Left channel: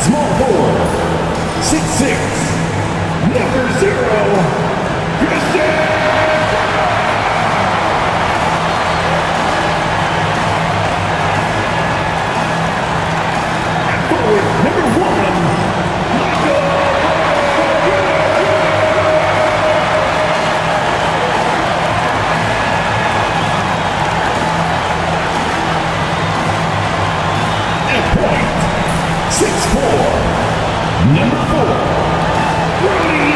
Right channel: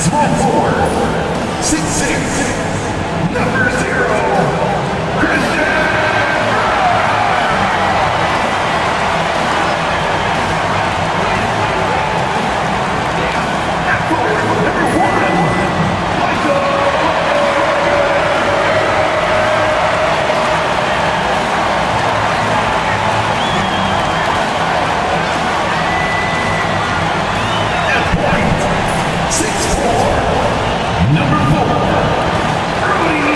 Small forward, 6'6", number 0, Christian. At forward, number 1, Michael. At point, 6'4", number 4, Brody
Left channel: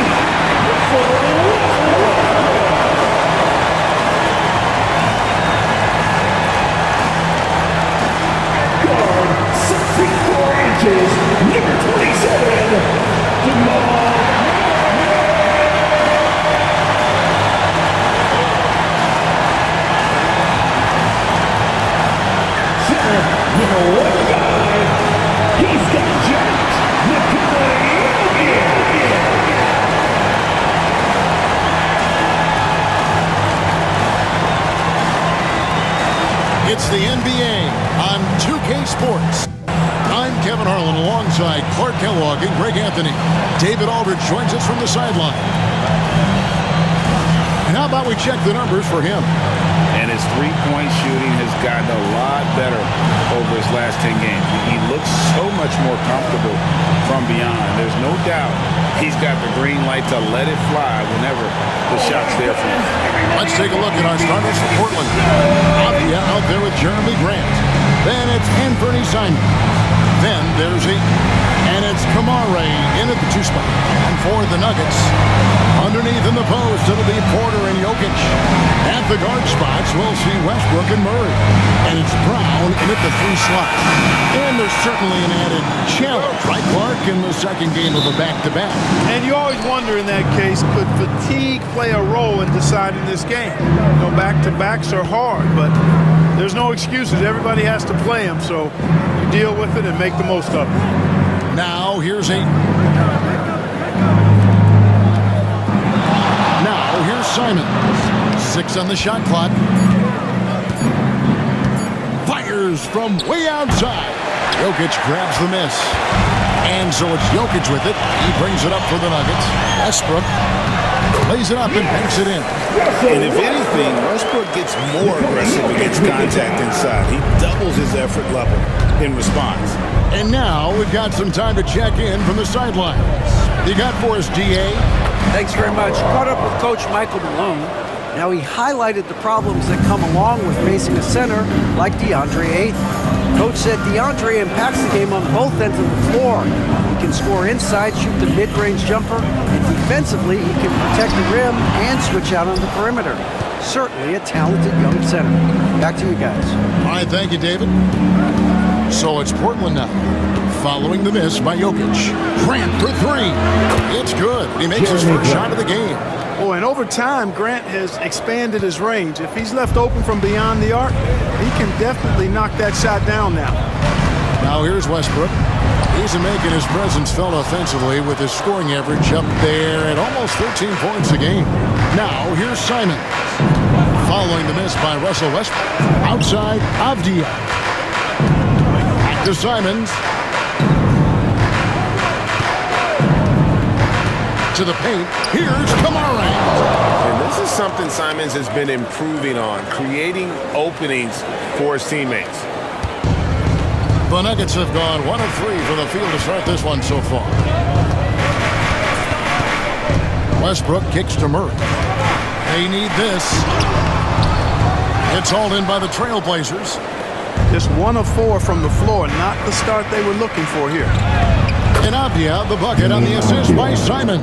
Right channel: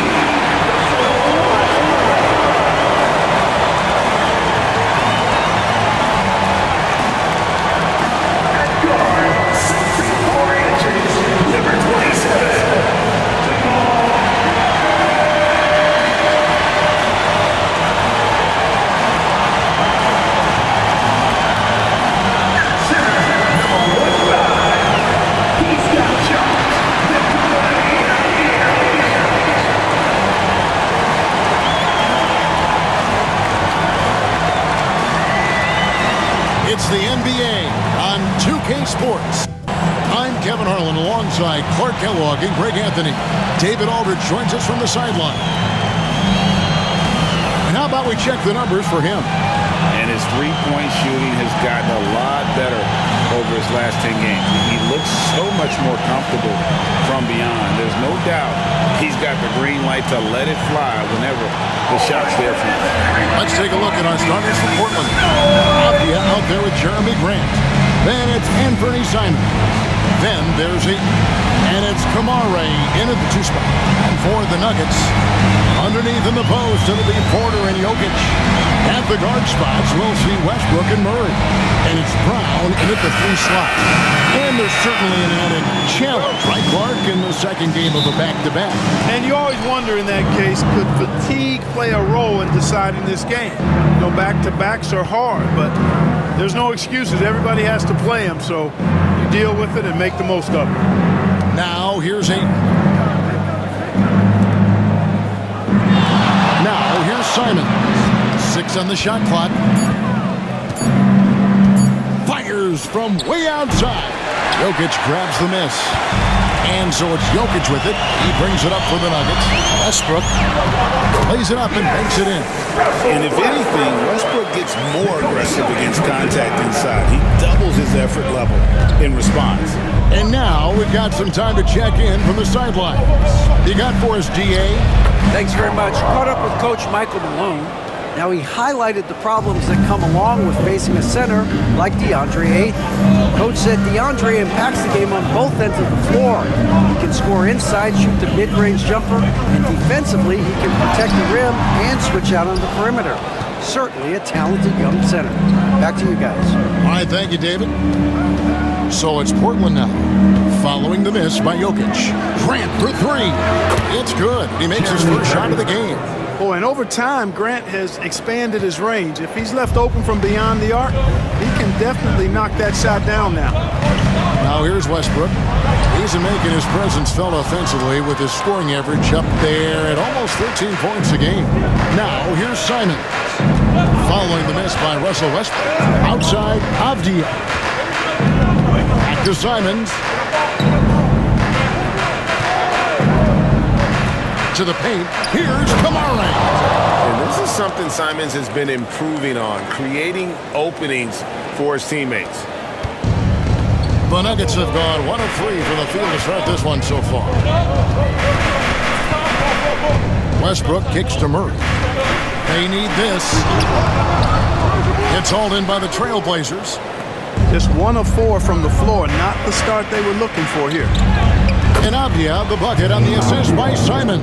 at guard, 6 feet 4 inches, number 27, Jamal. At center, number 1, he's got jumped. It's the NBA on 2K Sports. I'm Kevin Harlan alongside Clark Kellogg and Greg Anthony. David Aldridge joins us from the sideline. And how about we check the numbers for him? And his three-point shooting has gotten a lot better over his last 10 games. He looks so much more comfortable from beyond. There's no doubt he's got the green light to let it fly whenever the shot's there for him. Let's take a look at our starters for Portland. Avdia out there with Jeremy Grant. Then it's Anthony Simon. Then there's and it's Kamare in at the 2 spot. And for the Nuggets, underneath in the post, it'll be Porter and Jokic. At the guard spots, we'll see Westbrook and Murray. And it's Brown in at the 3 slot. And there's certainly an added challenge, right, Clark, in the second game of a back-to-back. And you always wonder in that case, could fatigue play a role in deciding this game? You know, back-to-backs are hard, but there's no excuses. Everybody has to play them, so you deal with it and make the most of it. Now, here's Simons. 6 on the shot clock. Fires from way outside. Jokic grabs the miss. And so it's Jokic with it. He brings it up for the Nuggets. Westbrook plays it up and banks it in. And if anything, Westbrook gets more aggressive against contact inside. He doubles his effort level in response. And now we've got some time to check in from the sidelines. You got for us, DA? Thanks very much. Caught up with Coach Michael Malone. Now, he highlighted the problems that come along with facing a center like DeAndre Ayton. Coach said DeAndre impacts the game on both ends of the floor. He can score inside, shoot the mid-range jumper, and defensively, he can protect the rim and switch out on the perimeter. Certainly a talented young center. Back to you guys. All right, thank you, David. So it's Portland now, following the miss by Jokic. Grant for 3. It's good. He makes his first shot of the game. Oh, and over time, Grant has expanded his range. If he's left open from beyond the arc, he can definitely knock that shot down now. Now here's Westbrook. He's making his presence felt offensively with his scoring average up there at almost 13 points a game. Now here's Simons. Following the miss by Russell Westbrook. Outside, Avdia. Back to Simons. To the paint, here's Kamare. And this is something Simons has been improving on, creating openings for his teammates. The Nuggets have gone 1 of 3 from the field to start this one so far. Westbrook kicks to Murray. They need this. It's hauled in by the Trailblazers. Just 1 of 4 from the floor, not the start they were looking for here. And Avdia, the bucket on the assist by Simons.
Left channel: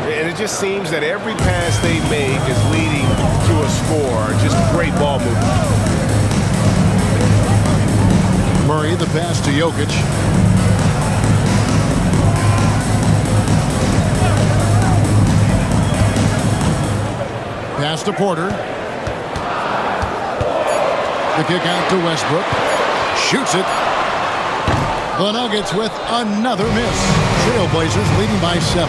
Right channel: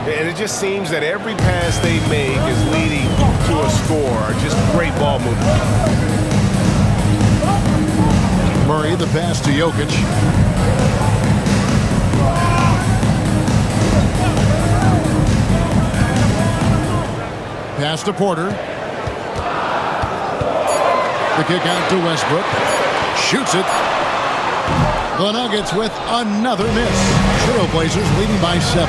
And it just seems that every pass they make is leading to a score. Just great ball movement. Murray, the pass to Jokic. Pass to Porter. The kick out to Westbrook. Shoots it. The Nuggets with another miss. Trailblazers leading by 7.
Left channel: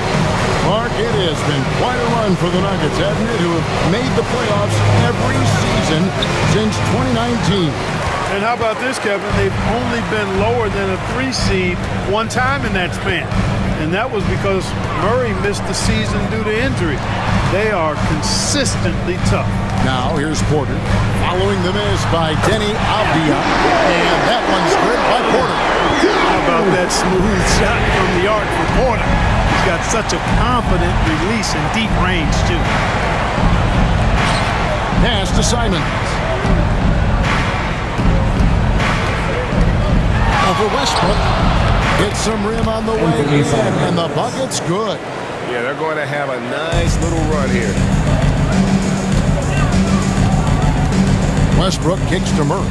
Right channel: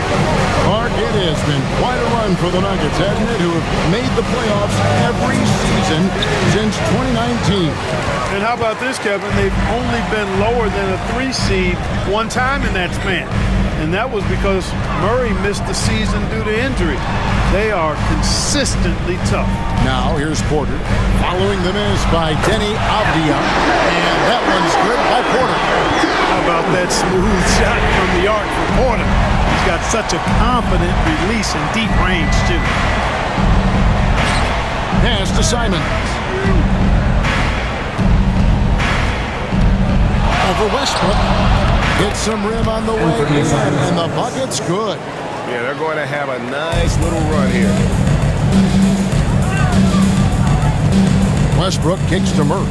Mark, it has been quite a run for the Nuggets, hasn't it, who have made the playoffs every season since 2019. And how about this, Kevin? They've only been lower than a 3 seed one time in that span. And that was because Murray missed the season due to injury. They are consistently tough. Now here's Porter. Following the miss by Denny Avdia. And that one's good by Porter. How about that smooth shot from the arc for Porter? He's got such a confident release in deep range, too. Pass to Simons. Over Westbrook. Hits some rim on the way in, and the bucket's good. Yeah, they're going to have a nice little run here. Westbrook kicks to Murray.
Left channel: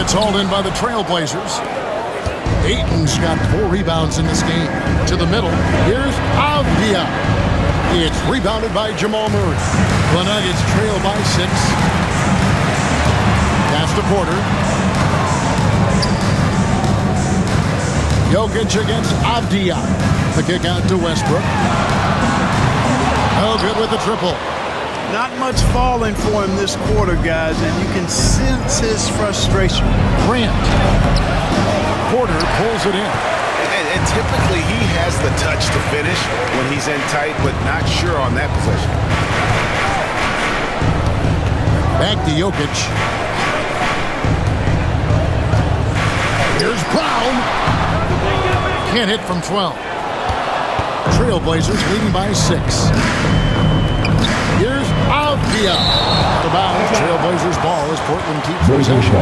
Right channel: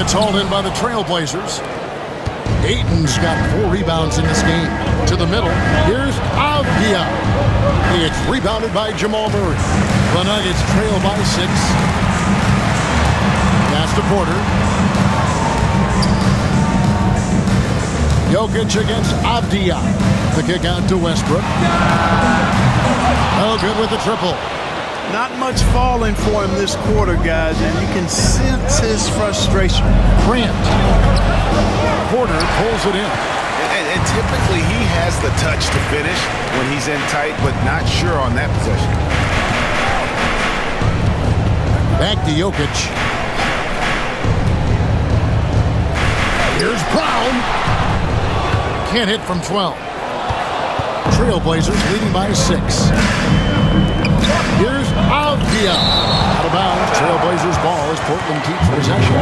It's hauled in by the Trailblazers. Ayton's got 4 rebounds in this game. To the middle, here's Avdia. It's rebounded by Jamal Murray. The Nuggets trail by 6. Pass to Porter. Jokic against Avdia. The kick out to Westbrook. Oh, good with the triple. Not much falling for him this quarter, guys, and you can sense his frustration. Grant. Porter pulls it in. And typically he has the touch to finish when he's in tight, but not sure on that possession. Back to Jokic. Here's Brown. Can't hit from 12. Trailblazers leading by 6. Here's Avdia. Out of bounds. Trailblazers ball as Portland keeps possession.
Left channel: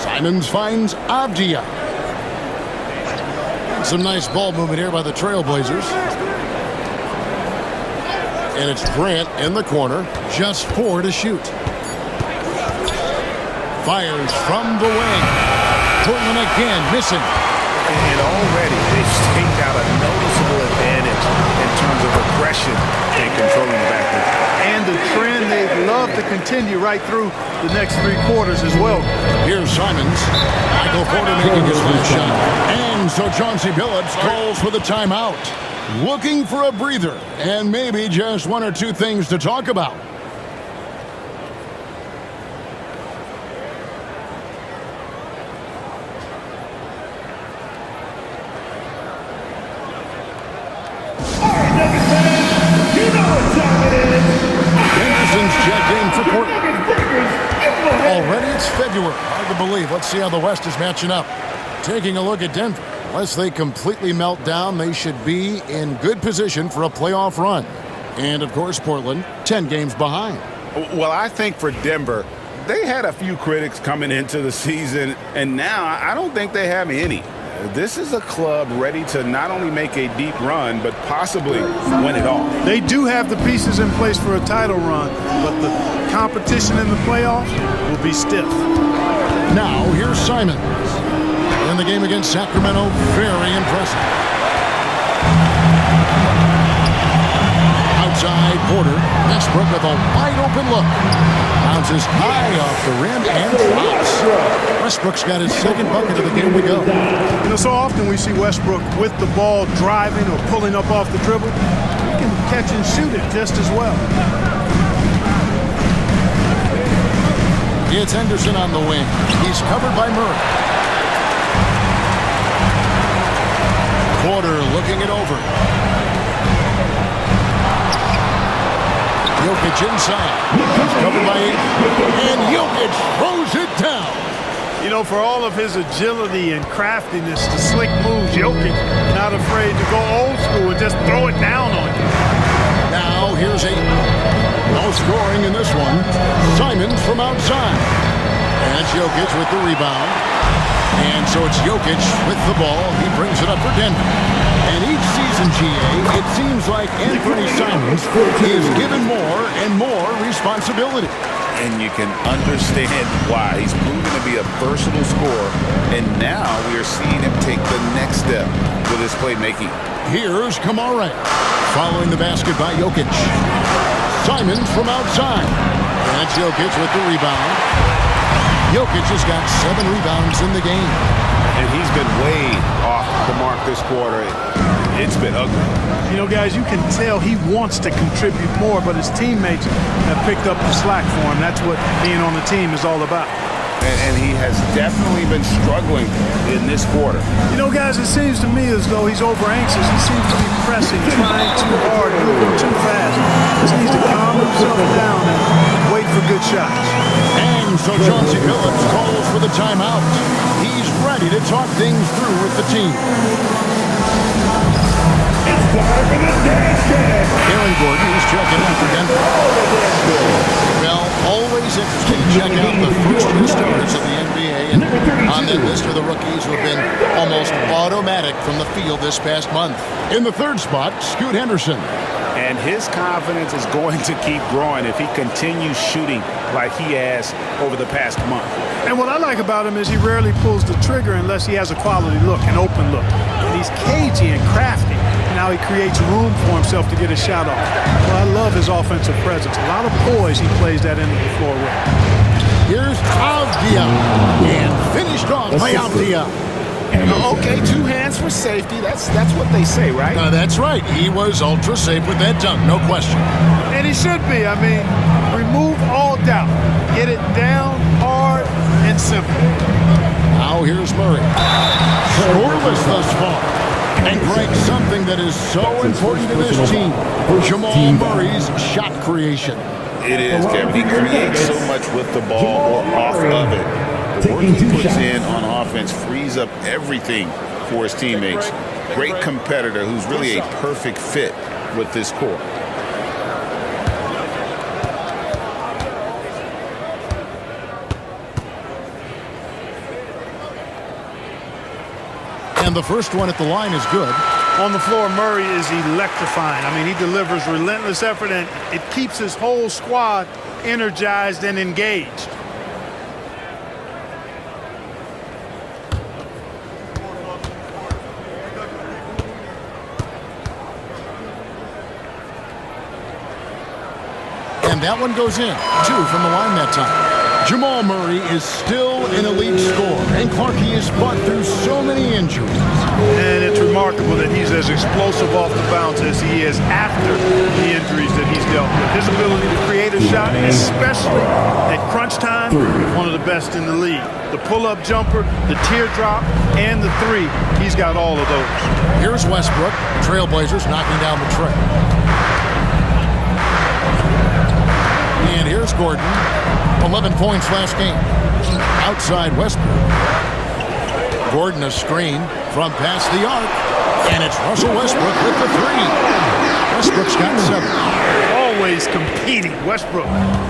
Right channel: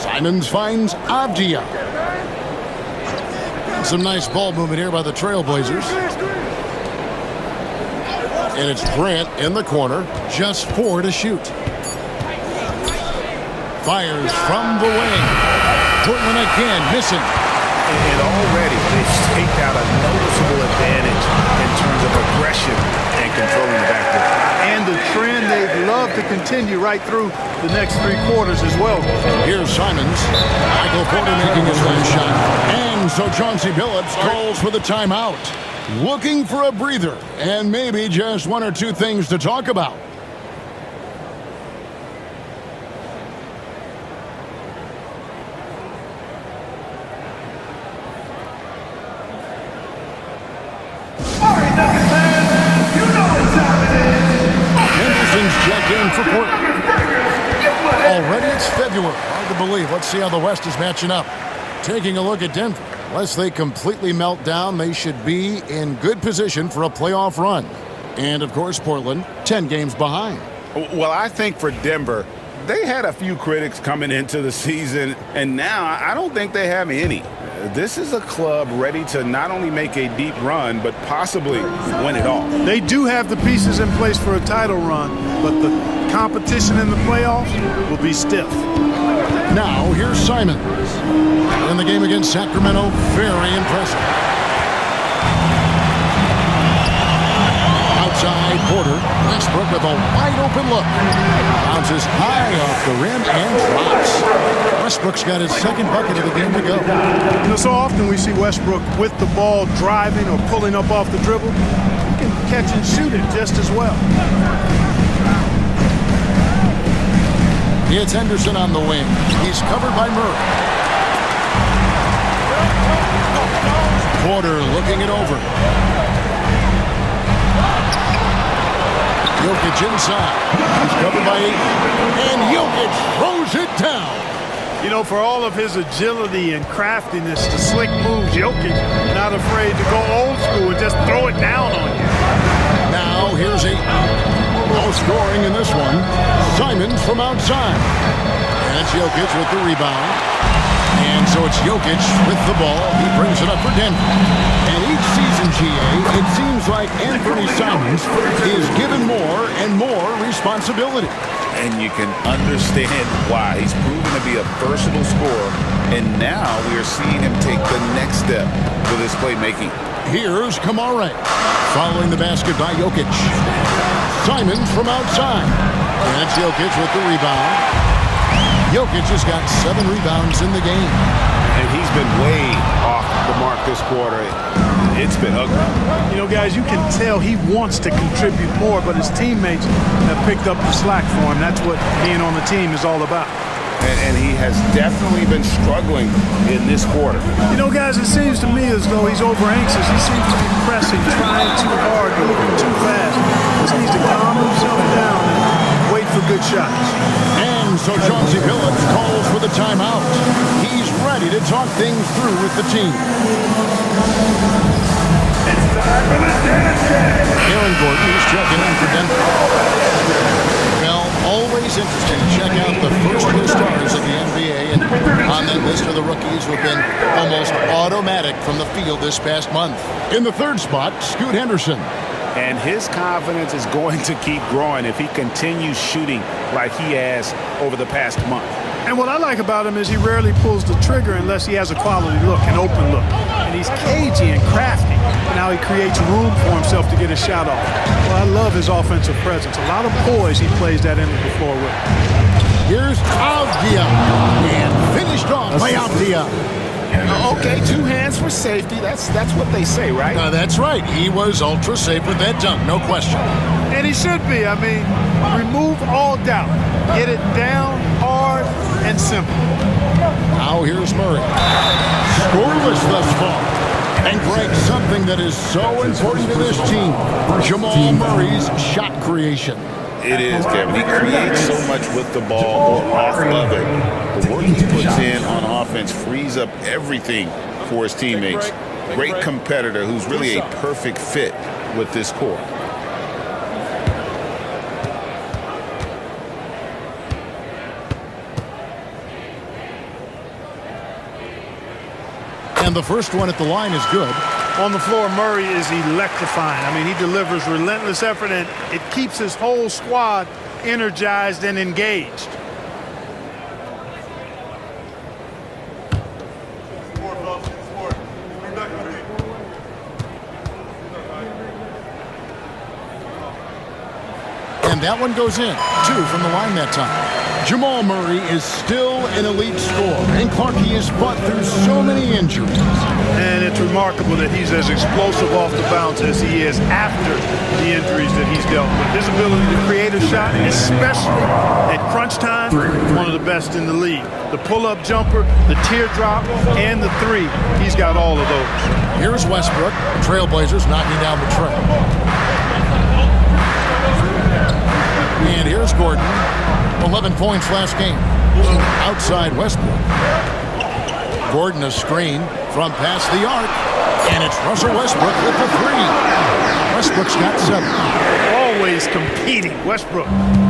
Simons finds Avdia. Some nice ball movement here by the Trailblazers. And it's Grant in the corner. Just 4 to shoot. Fires from the wing. Portland again missing. And already they've staked out a noticeable advantage in terms of aggression and controlling the backcourt. And the trend they'd love to continue right through the next 3 quarters as well. Here's Simons. Michael Porter making his last shot. And so Chauncey Billups calls for the timeout. Looking for a breather and maybe just 1 or 2 things to talk about. Henderson's checked in for Portland. Already it's February. Hard to believe. Let's see how the West is matching up. Taking a look at Denver. Unless they completely melt down, they should be in good position for a playoff run. And, of course, Portland, 10 games behind. Well, I think for Denver, they had a few critics coming into the season, and now I don't think they have any. This is a club ready to not only make a deep run, but possibly win it all. They do have the pieces in place for a title run, but the competition in the playoffs will be stiff. Now, here's Simons. In the game against Sacramento, very impressive. Outside Porter, Westbrook with a wide open look. Bounces high off the rim and drops. Westbrook's got his 2nd bucket of the game to go. You know, so often we see Westbrook with the ball driving or pulling up off the dribble. He can catch and shoot it just as well. It's Henderson on the wing. He's covered by Murray. Porter looking it over. Jokic inside. He's covered by 8. And Jokic throws it down. You know, for all of his agility and craftiness, the slick moves, Jokic not afraid to go old school and just throw it down on you. Now here's 8. No scoring in this one. Simons from outside. And it's Jokic with the rebound. And so it's Jokic with the ball. He brings it up for Denver. And each season, GA, it seems like Anthony Simons is given more and more responsibility. And you can understand why. He's proven to be a versatile scorer, and now we are seeing him take the next step with his playmaking. Here's Kamare. following the basket by Jokic. Simons from outside. And it's Jokic with the rebound. Jokic has got 7 rebounds in the game. And he's been way off the mark this quarter. It's been ugly. You know, guys, you can tell he wants to contribute more, but his teammates have picked up the slack for him. That's what being on the team is all about. And he has definitely been struggling in this quarter. You know, guys, it seems to me as though he's over-anxious. He seems to be pressing, trying too hard, moving too fast. Just needs to calm himself down and wait for good shots. And so Chauncey Billups calls for the timeout. He's ready to talk things through with the team. It's time for the dance game. Aaron Gordon, he's checking in for Denver. Well, always interesting to check out the first few stars of the NBA, and on that list are the rookies who have been almost automatic from the field this past month. In the third spot, Scoot Henderson. And his confidence is going to keep growing if he continues shooting like he has over the past month. And what I like about him is he rarely pulls the trigger unless he has a quality look, an open look. And he's cagey and crafty. And now he creates room for himself to get a shot off. Well, I love his offensive presence. A lot of poise he plays that end of the floor with. Here's Avdia. And finished off by Avdia. Okay, 2 hands for safety. That's what they say, right? That's right. He was ultra safe with that dunk, no question. And he should be. I mean, remove all doubt. Get it down, hard, and simple. Now here's Murray. Scoreless thus far. And Greg, something that is so important to this team, Jamal Murray's shot creation. It is, Kevin. He creates so much with the ball or off of it. The work he puts in on offense frees up everything for his teammates. Great competitor who's really a perfect fit with this core. And the first one at the line is good. On the floor, Murray is electrifying. I mean, he delivers relentless effort, and it keeps his whole squad energized and engaged. And that one goes in. 2 from the line that time. Jamal Murray is still an elite scorer, and Clarkie has fought through so many injuries. And it's remarkable that he's as explosive off the bounce as he is after the injuries that he's dealt with. His ability to create a shot, especially at crunch time, one of the best in the league. The pull-up jumper, the teardrop, and the 3, he's got all of those. Here's Westbrook. Trailblazers knocking down the trail. And here's Gordon. 11 points last game. Outside Westbrook. Gordon a screen from past the arc. And it's Russell Westbrook with the 3. Westbrook's got 7. Always competing. Westbrook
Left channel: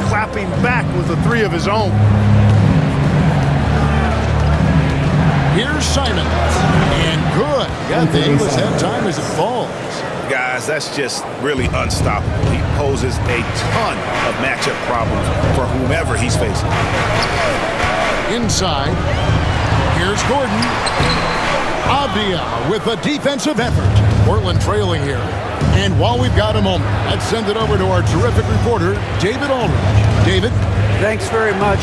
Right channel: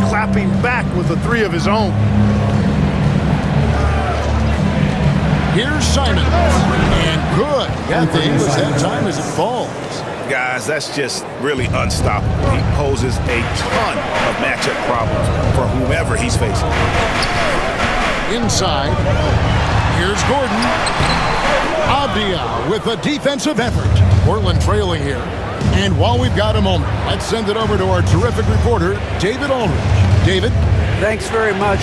clapping back with a 3 of his own. Here's Simons. And good. Got the English that time as it falls. Guys, that's just really unstoppable. He poses a ton of matchup problems for whomever he's facing. Inside, here's Gordon. Avdia with a defensive effort. Portland trailing here. And while we've got a moment, let's send it over to our terrific reporter, David Aldridge. David? Thanks very much.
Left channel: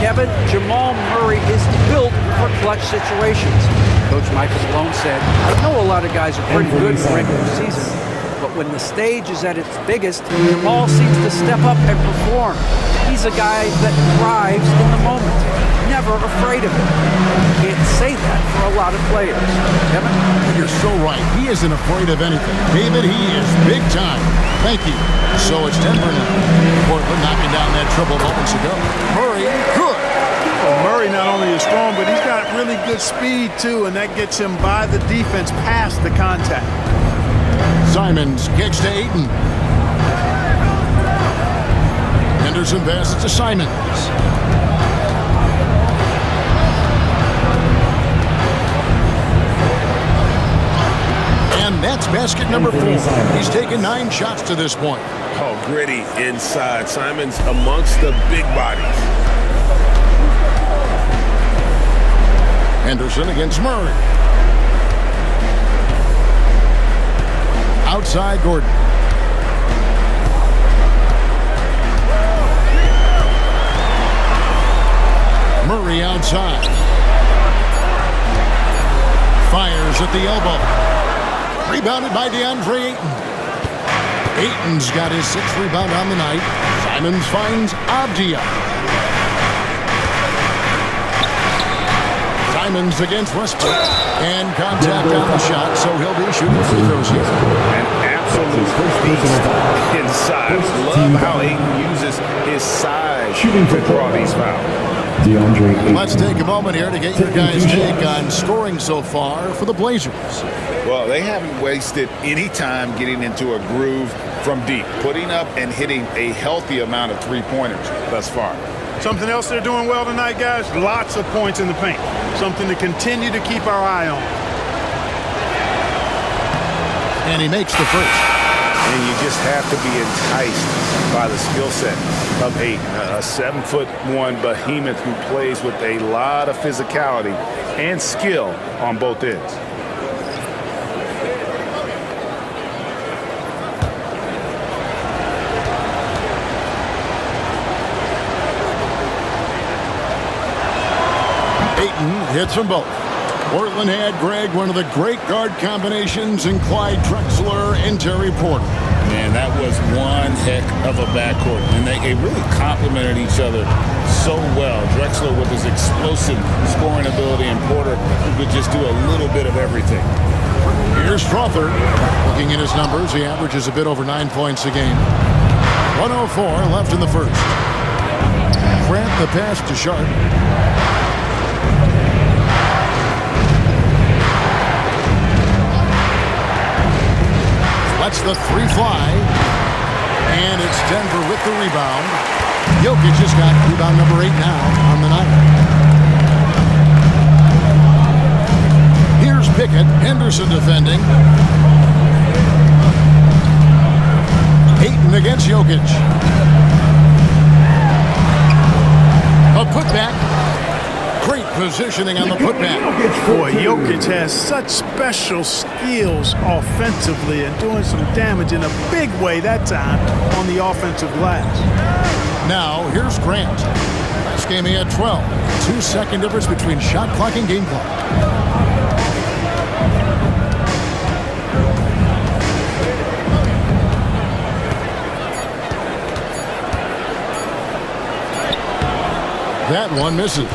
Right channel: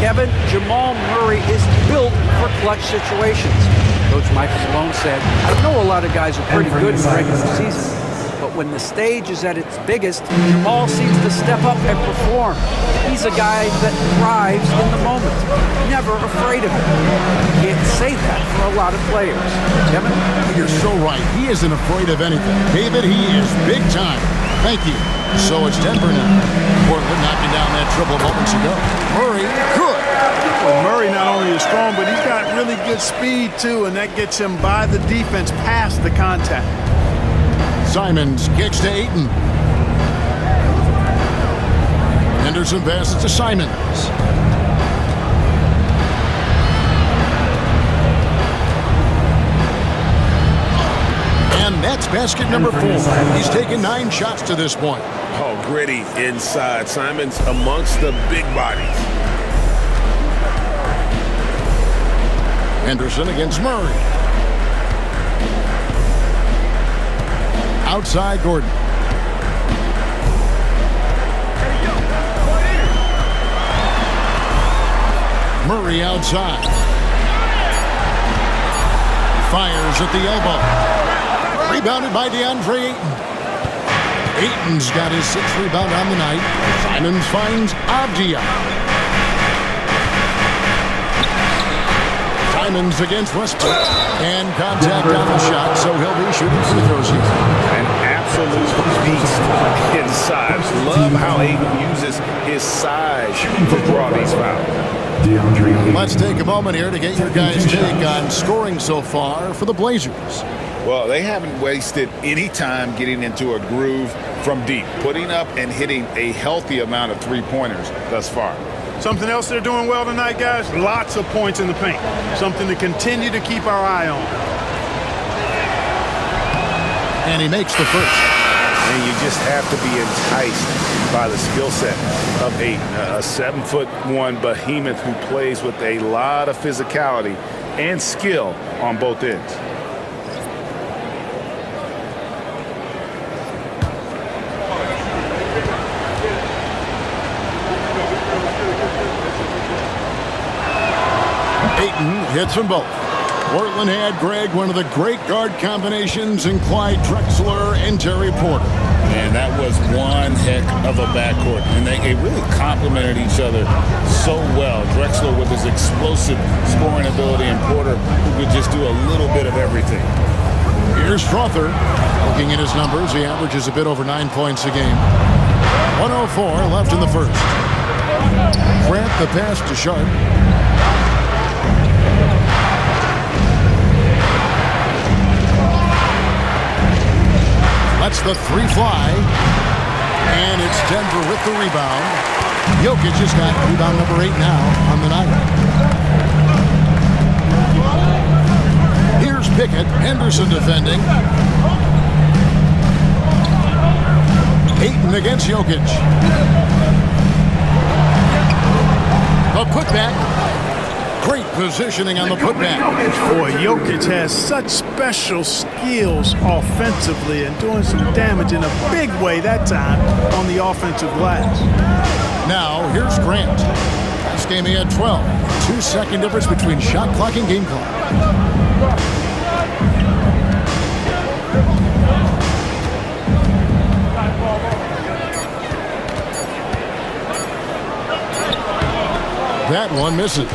Kevin, Jamal Murray is built for clutch situations. Coach Michael Malone said, I know a lot of guys are pretty good in the regular season, but when the stage is at its biggest, Jamal seems to step up and perform. He's a guy that thrives in the moment, never afraid of it. You can't say that for a lot of players. Kevin? You're so right. He isn't afraid of anything. David, he is big time. Thank you. So it's Denver now. Portland knocking down that triple moments ago. Murray, good. Well, Murray not only is strong, but he's got really good speed, too, and that gets him by the defense past the contact. Simons kicks to Ayton. Henderson passes to Simons. And that's basket number 4. He's taken 9 shots to this point. Oh, gritty inside. Simons amongst the big bodies. Henderson against Murray. Outside Gordon. Murray outside. Fires at the elbow. Rebounded by DeAndre Ayton. Ayton's got his 6th rebound on the night. Simons finds Avdia. Simons against Westbrook. And contact on the shot, so he'll be shooting free throws here. An absolute beast inside. Love how Ayton uses his size to draw these fouls. Let's take a moment here to get your guys' take on scoring so far for the Blazers. Well, they haven't wasted any time getting into a groove from deep, putting up and hitting a healthy amount of three-pointers thus far. Something else they're doing well tonight, guys, lots of points in the paint. Something to continue to keep our eye on. And he makes the first. And you just have to be enticed by the skill set of Ayton, a 7'1" behemoth who plays with a lot of physicality and skill on both ends. Ayton hits them both. Portland had, Greg, one of the great guard combinations in Clyde Drexler and Terry Porter. Man, that was one heck of a backcourt. And they really complemented each other so well. Drexler with his explosive scoring ability and Porter who could just do a little bit of everything. Here's Strother. Looking at his numbers, he averages a bit over 9 points a game. 104 left in the first. Grant the pass to Sharp. Lets the three fly. And it's Denver with the rebound. Jokic has got rebound number 8 now on the night. Here's Pickett. Henderson defending. Ayton against Jokic. A putback. Great positioning on the putback. Boy, Jokic has such special skills offensively and doing some damage in a big way that time on the offensive glass. Now, here's Grant. Last game he had 12. 2-second difference between shot clock and game clock. That one misses.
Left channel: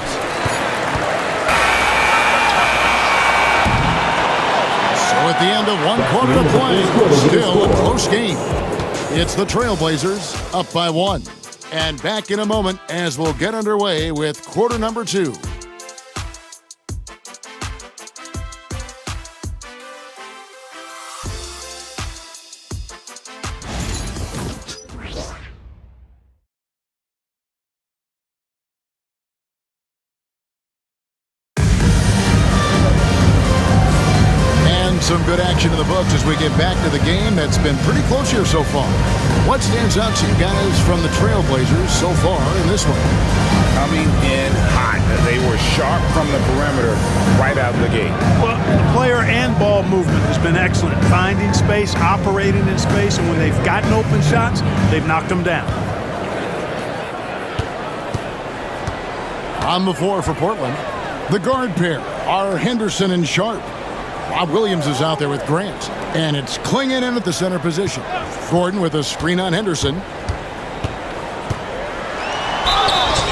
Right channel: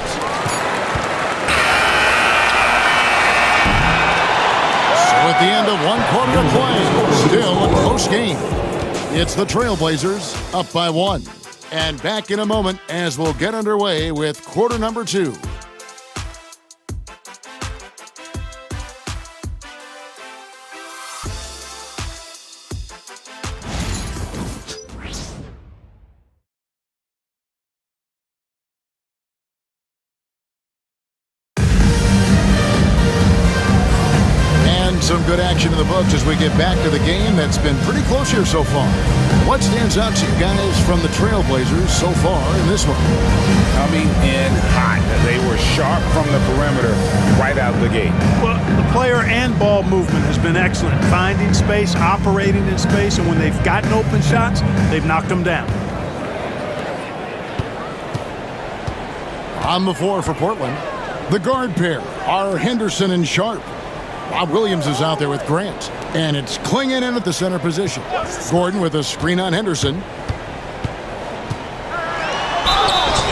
So at the end of 1 quarter of play, still a close game. It's the Trailblazers up by 1. And back in a moment as we'll get underway with quarter number 2. Some good action in the books as we get back to the game that's been pretty close here so far. What stands out to you guys from the Trailblazers so far in this one? Coming in hot. They were sharp from the perimeter right out the gate. Well, the player and ball movement has been excellent. Finding space, operating in space, and when they've gotten open shots, they've knocked them down. On the floor for Portland, the guard pair are Henderson and Sharp. Rob Williams is out there with Grant. And it's clinging in at the center position. Gordon with a screen on Henderson.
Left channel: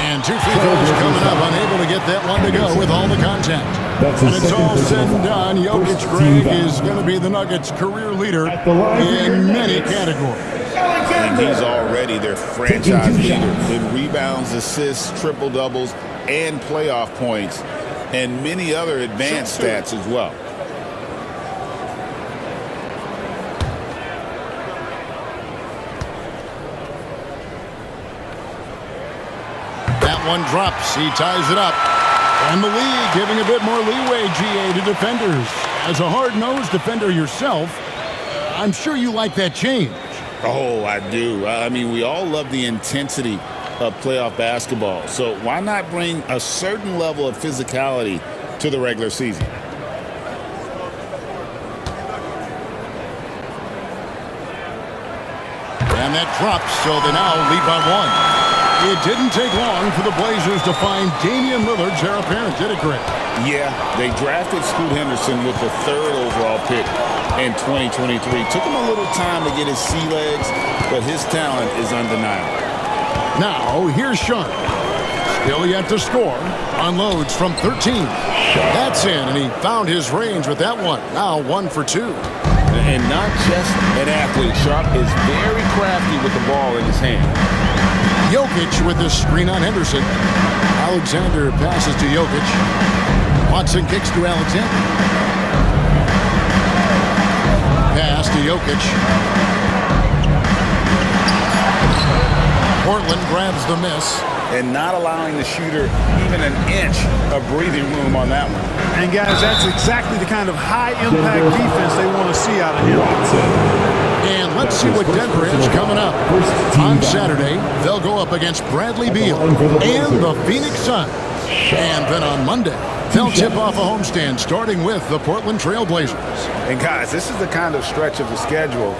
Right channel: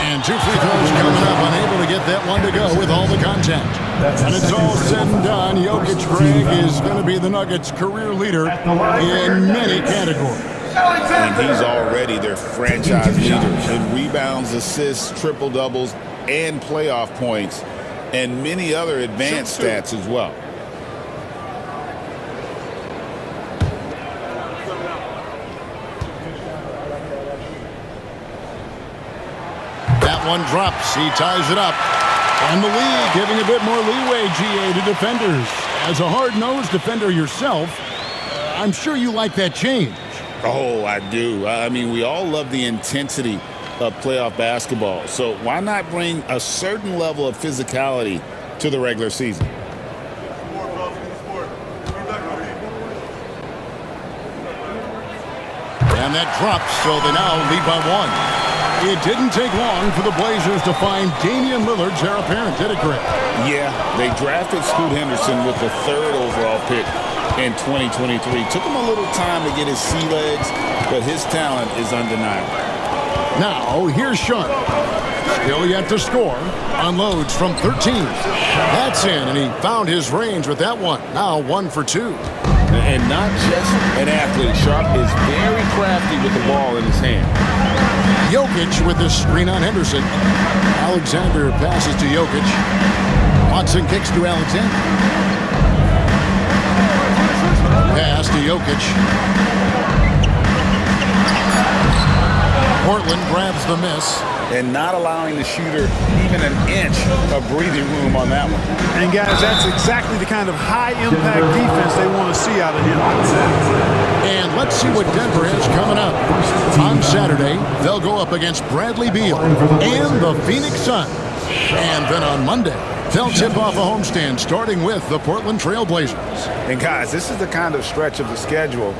And 2 free throws coming up. Unable to get that one to go with all the contact. When it's all said and done, Jokic, Greg, is going to be the Nuggets' career leader in many categories. And he's already their franchise leader in rebounds, assists, triple-doubles, and playoff points, and many other advanced stats as well. That one drops. He ties it up. And the league giving a bit more leeway, GA, to defenders. As a hard-nosed defender yourself, I'm sure you like that change. Oh, I do. I mean, we all love the intensity of playoff basketball. So why not bring a certain level of physicality to the regular season? And that drops, so they now lead by 1. It didn't take long for the Blazers to find Damian Lillard's heir apparent, did it, Greg? Yeah, they drafted Scoot Henderson with the 3rd overall pick in 2023. Took him a little time to get his sea legs, but his talent is undeniable. Now, here's Sharp. Still yet to score. Unloads from 13. That's in, and he found his range with that one. Now 1 for 2. And not just an athlete. Sharp is very crafty with the ball in his hand. Jokic with the screen on Henderson. Alexander passes to Jokic. Watson kicks to Alexander. Pass to Jokic. Portland grabs the miss. And not allowing the shooter even an inch of breathing room on that one. And, guys, that's exactly the kind of high-impact defense they want to see out of him. And let's see what Denver has coming up. On Saturday, they'll go up against Bradley Beal and the Phoenix Suns. And then on Monday, they'll tip off a homestand starting with the Portland Trail Blazers. And, guys, this is the kind of stretch of the schedule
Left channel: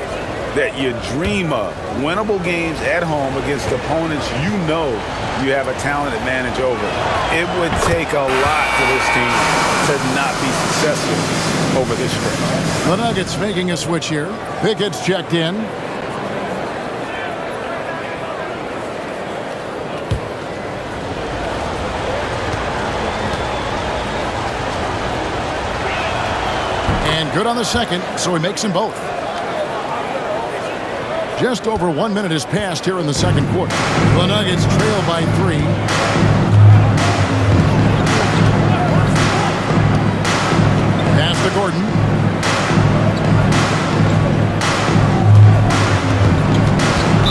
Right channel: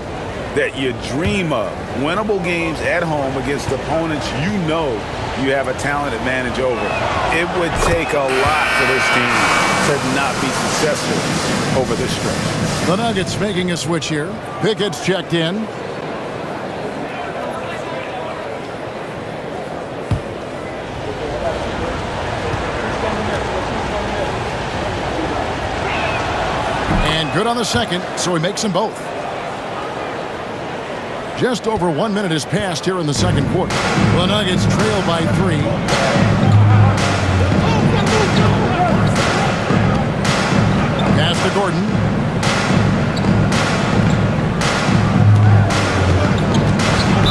that you dream of. Winnable games at home against opponents you know you have a talent advantage over. It would take a lot for this team to not be successful over this stretch. The Nuggets making a switch here. Pickett's checked in. And good on the second, so he makes them both. Just over 1 minute has passed here in the second quarter. The Nuggets trail by 3. Pass to Gordon.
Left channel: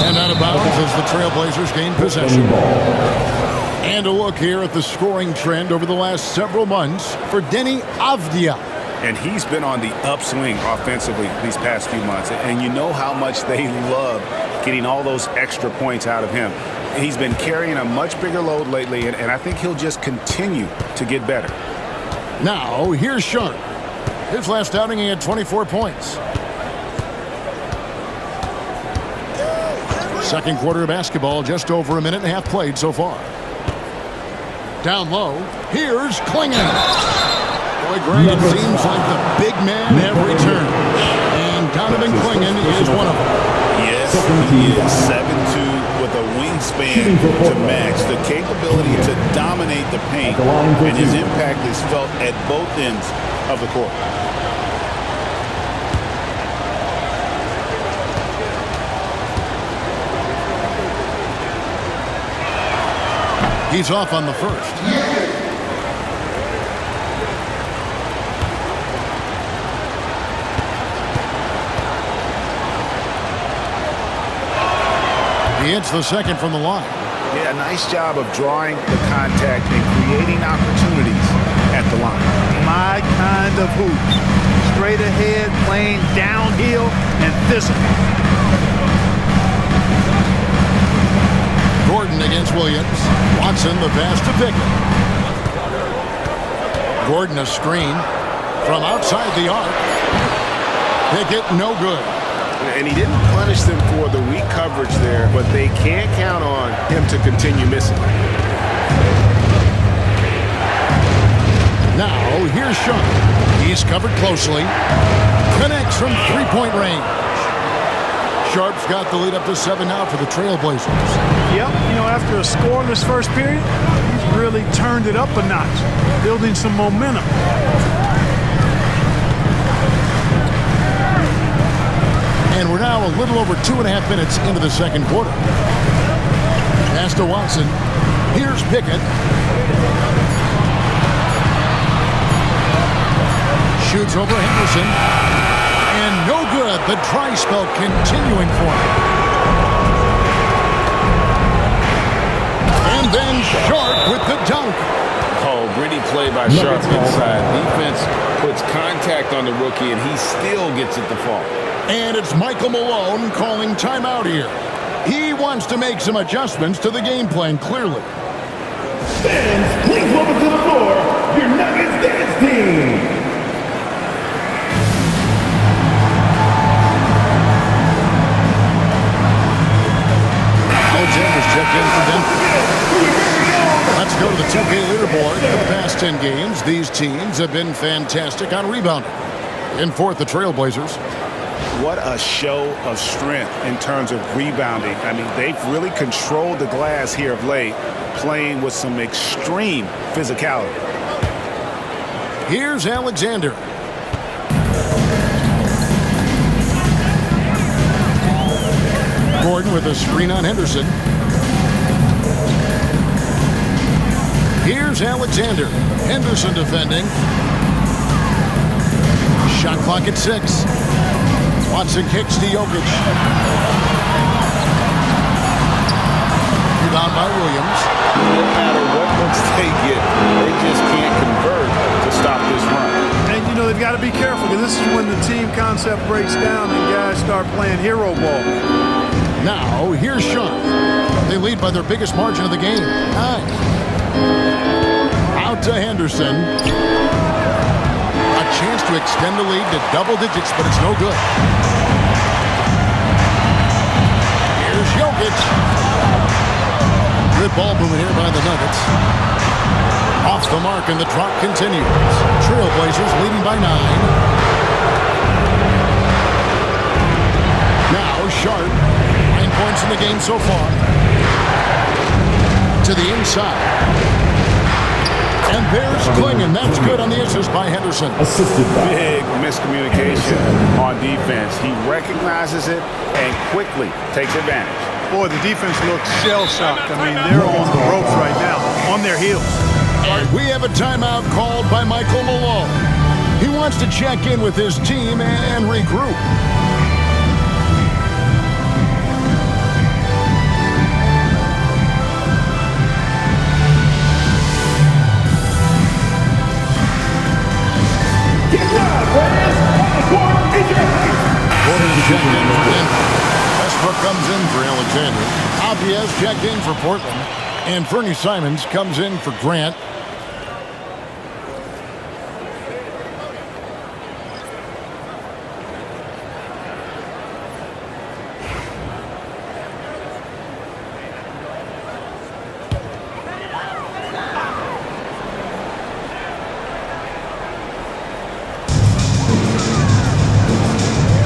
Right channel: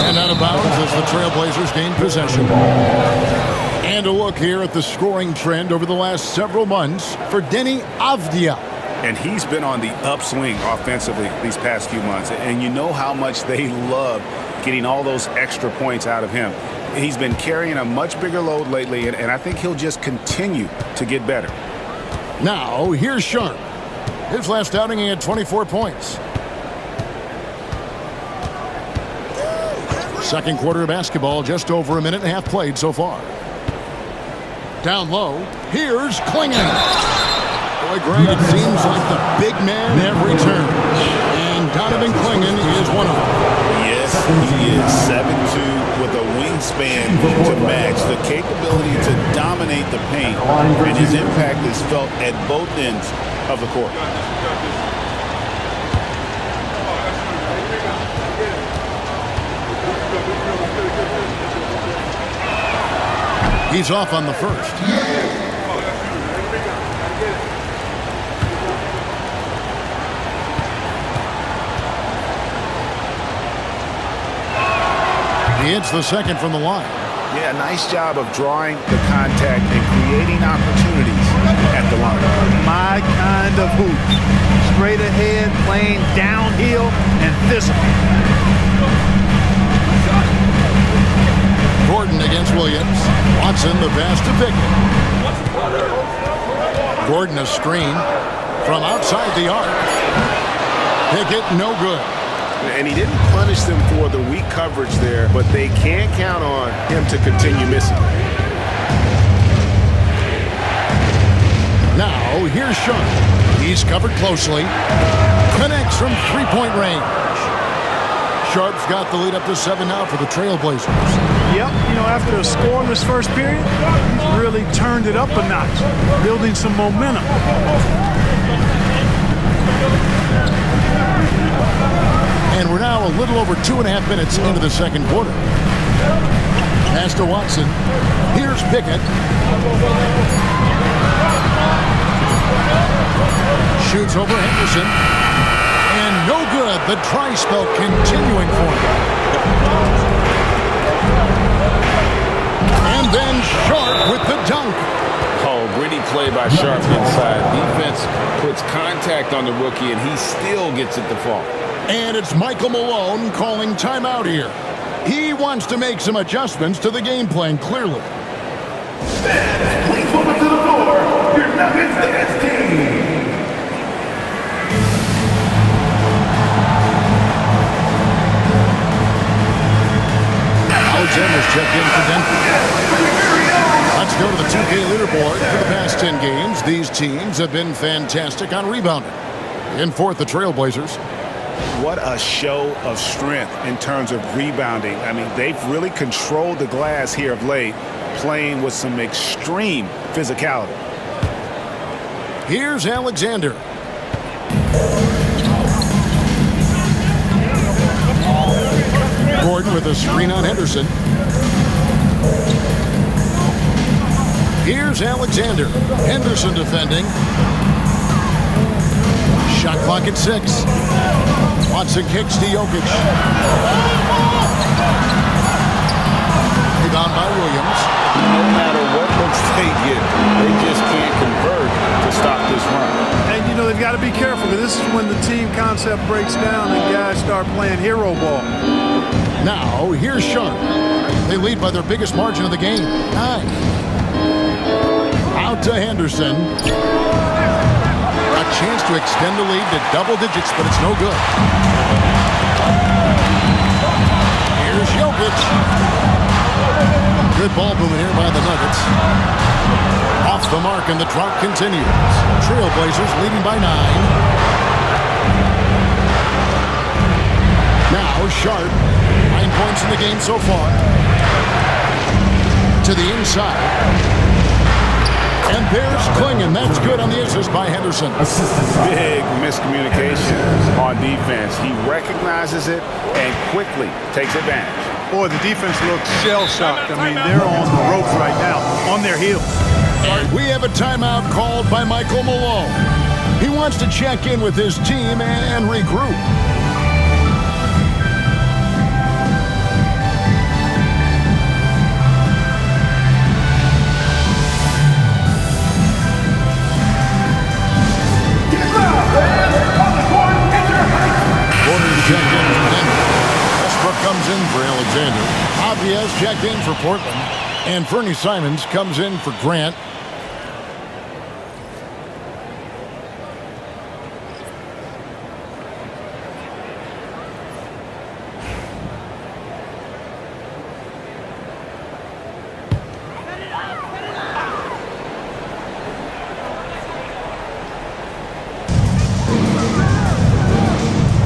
And out of bounds as the Trailblazers gain possession. And a look here at the scoring trend over the last several months for Deni Avdija. And he's been on the upswing offensively these past few months. And you know how much they love getting all those extra points out of him. He's been carrying a much bigger load lately, and I think he'll just continue to get better. Now, here's Sharp. His last outing, he had 24 points. Second quarter of basketball, just over a minute and a half played so far. Down low, here's Clingan. Boy, Greg, it seems like the big man every turn. And Donovan Clingan is one of them. Yes, he is 7'2" with a wingspan to match. The capability to dominate the paint, and his impact is felt at both ends of the court. He's off on the first. He hits the second from the line. Yeah, nice job of drawing the contact and creating opportunities at the line. My kind of hoop. Straight ahead, playing downhill, and physical. Gordon against Williams. Watson the pass to Pickett. Gordon a screen from outside the arc. Pickett no good. And he didn't punish them for the weak coverage there, but they can't count on him to continue missing. Now, here's Sean. He's covered closely. Connects from three-point range. Sharp's got the lead up to 7 now for the Trailblazers. Yep, you know, after a scoreless first period, he's really turned it up a notch, building some momentum. And we're now a little over 2.5 minutes into the second quarter. Pass to Watson. Here's Pickett. Shoots over Henderson. And no good. The dry spell continuing for him. And then Sharp with the dunk. Oh, gritty play by Sharp inside. Defense puts contact on the rookie, and he still gets it to fall. And it's Michael Malone calling timeout here. He wants to make some adjustments to the game plan, clearly. Fans, please welcome to the floor your Nuggets dance team. check in for Denver. Let's go to the 2K leaderboard. For the past 10 games, these teams have been fantastic on rebounding. In fourth, the Trailblazers. What a show of strength in terms of rebounding. I mean, they've really controlled the glass here of late, playing with some extreme physicality. Here's Alexander. Gordon with a screen on Henderson. Here's Alexander. Henderson defending. Shot clock at 6. Watson kicks to Jokic. Rebound by Williams. No matter what looks they get, they just can't convert to stop this run. And, you know, they've got to be careful because this is when the team concept breaks down and guys start playing hero ball. Now, here's Sharp. They lead by their biggest margin of the game, 9. Out to Henderson. A chance to extend the lead to double digits, but it's no good. Here's Jokic. Good ball movement here by the Nuggets. Off the mark, and the drought continues. Trailblazers leading by 9. Now, Sharp. 9 points in the game so far. To the inside. And there's Klingon. That's good on the assist by Henderson. Big miscommunication on defense. He recognizes it and quickly takes advantage. Boy, the defense looks shell-shocked. I mean, they're on the ropes right now, on their heels. And we have a timeout called by Michael Malone. He wants to check in with his team and regroup. Porter's checked in for Denver. Westbrook comes in for Alexander. Abdias checked in for Portland. And Fernie Simons comes in for Grant.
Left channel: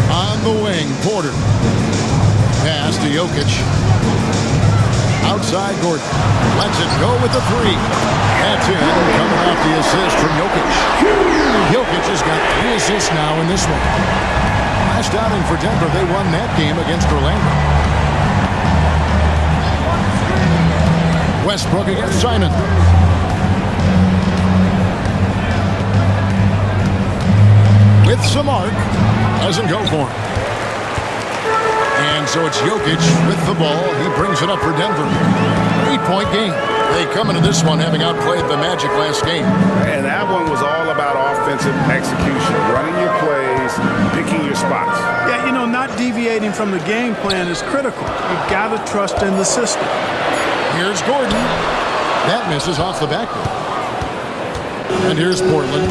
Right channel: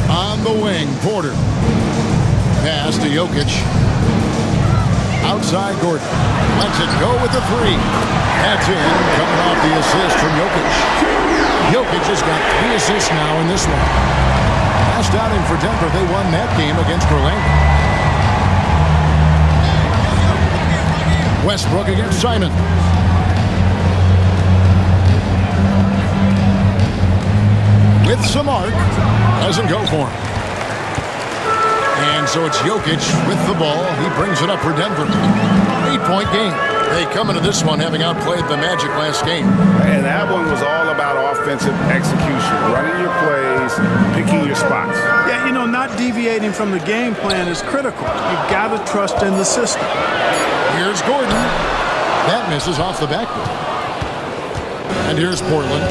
On the wing, Porter. Pass to Jokic. Outside Gordon. Lets it go with the 3. That's in, coming off the assist from Jokic. Jokic has got 3 assists now in this one. Last outing for Denver, they won that game against Orlando. Westbrook against Simon. With some arc. Doesn't go for him. And so it's Jokic with the ball. He brings it up for Denver. 8-point game. They come into this one having outplayed the Magic last game. And that one was all about offensive execution, running your plays, picking your spots. Yeah, you know, not deviating from the game plan is critical. You've got to trust in the system. Here's Gordon. That misses off the backboard. And here's Portland.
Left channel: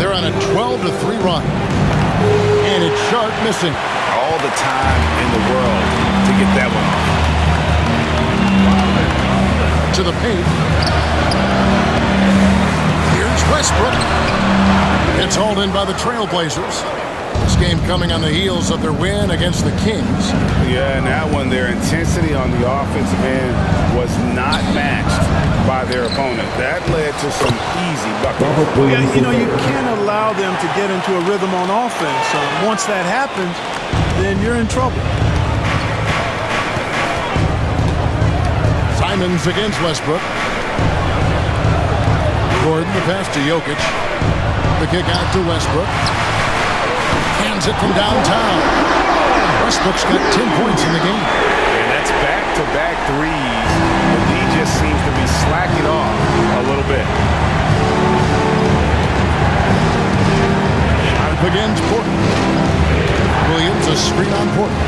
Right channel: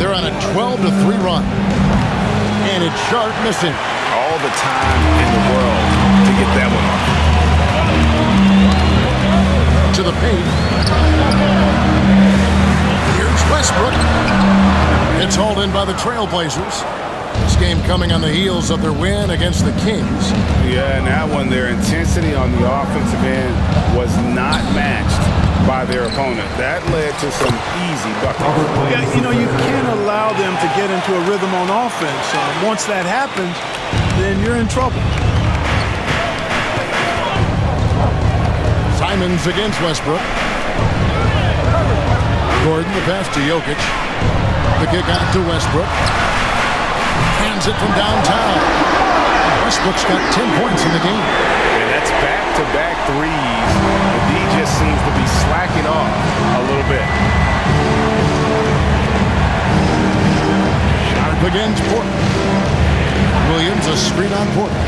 They're on a 12-3 run. And it's Sharp missing. All the time in the world to get that one off. To the paint. Here's Westbrook. It's hauled in by the Trailblazers. This game coming on the heels of their win against the Kings. Yeah, and that one, their intensity on the offensive end was not matched by their opponent. That led to some easy buckets. Yeah, you know, you can't allow them to get into a rhythm on offense. Once that happens, then you're in trouble. Simons against Westbrook. Gordon, the pass to Jokic. The kick out to Westbrook. Hands it from downtown. Westbrook's got 10 points in the game. And that's back-to-back threes. The D just seems to be slacking off a little bit. Sharp against Portland. Williams, a screen on Portland.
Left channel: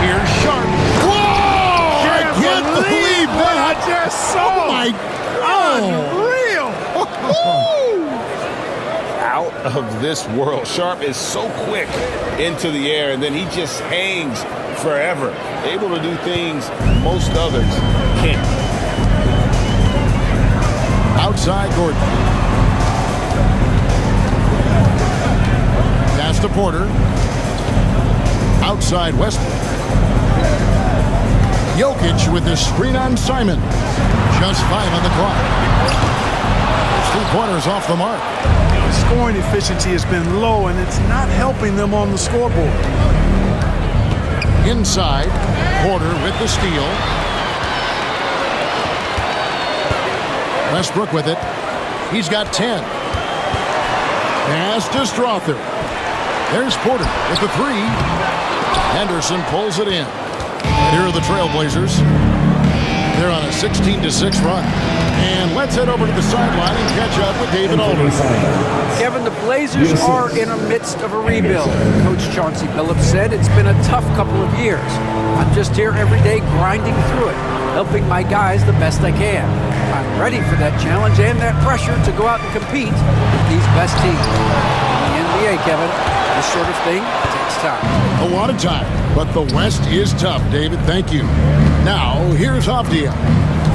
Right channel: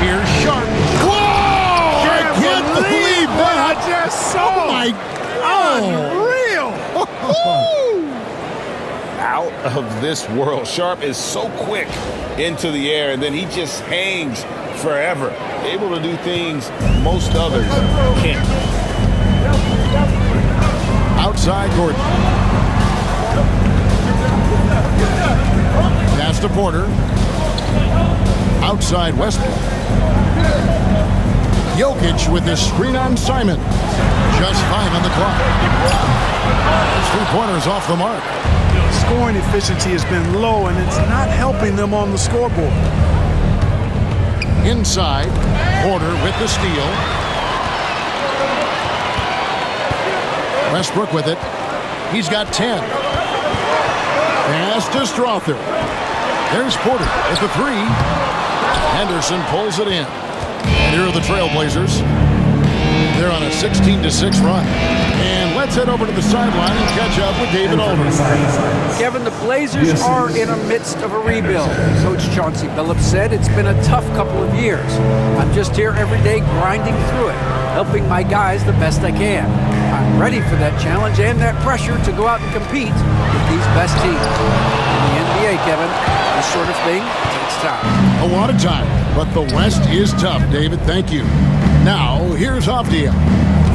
Here's Sharp. Whoa! I can't believe what that. I just saw. Oh, my God. Unreal. Out of this world. Sharp is so quick into the air, and then he just hangs forever. Able to do things most others can't. Outside Gordon. Pass to Porter. Outside Westbrook. Jokic with the screen on Simon. Just 5 on the clock. His three-pointers off the mark. Scoring efficiency has been low, and it's not helping them on the scoreboard. Inside, Porter with the steal. Westbrook with it. He's got 10. Pass to Strother. There's Porter with the 3. Henderson pulls it in. And here are the Trailblazers. They're on a 16-6 run. And let's head over to the sideline and catch up with David Aldridge. Kevin, the Blazers are in the midst of a rebuild. Coach Chauncey Billups said it's been a tough couple of years. I'm just here every day grinding through it, helping my guys the best I can. I'm ready for that challenge and that pressure to go out and compete with these best teams. In the NBA, Kevin, this sort of thing takes time. A lot of time, but the West is tough, David. Thank you. Now, here's Avdia.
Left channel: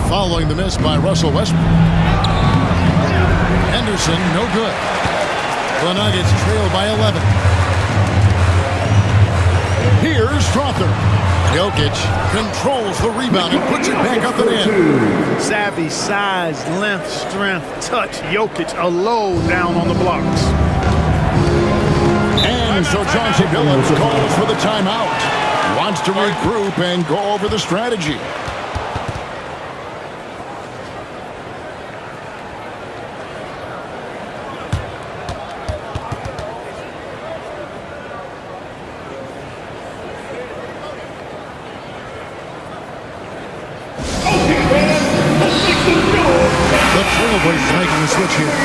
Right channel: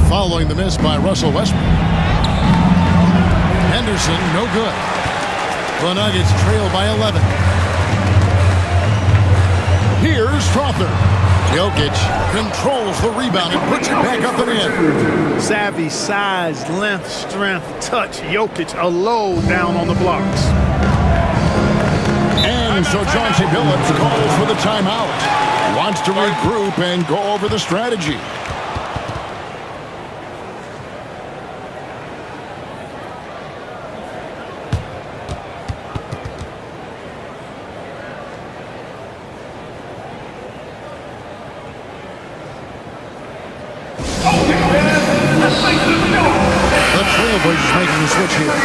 Following the miss by Russell Westbrook. Henderson, no good. The Nuggets trail by 11. Here's Strother. Jokic controls the rebound and puts it back up and in. Savvy, size, length, strength, touch. Jokic a low down on the blocks. And so Chauncey Billups calls for the timeout. Wants to regroup and go over the strategy. The Trailblazers making the switch here.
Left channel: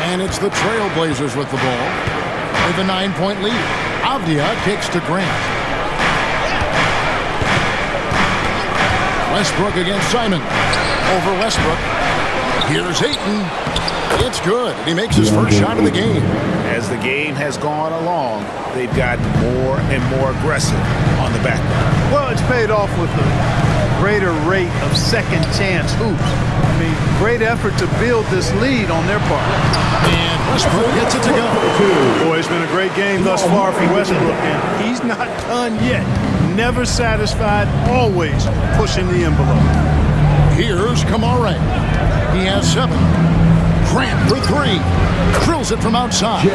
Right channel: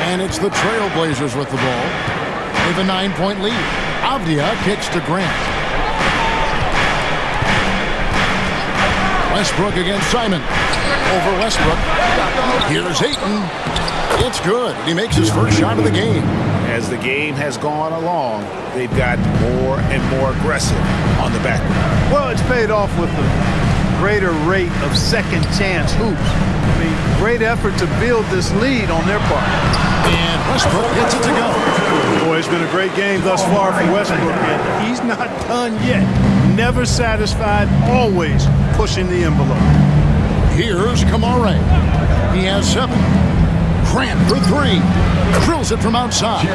And it's the Trailblazers with the ball with a 9-point lead. Avdia kicks to Grant. Westbrook against Simon. Over Westbrook. Here's Ayton. It's good. And he makes his first shot of the game. As the game has gone along, they've gotten more and more aggressive on the back. Well, it's paid off with a greater rate of second chance hoops. I mean, great effort to build this lead on their part. And Westbrook gets it to go. Boy, it's been a great game thus far for Westbrook, and he's not done yet. Never satisfied, always pushing the envelope. Here's Kamare. He has 7. Grant for 3. Drills it from outside.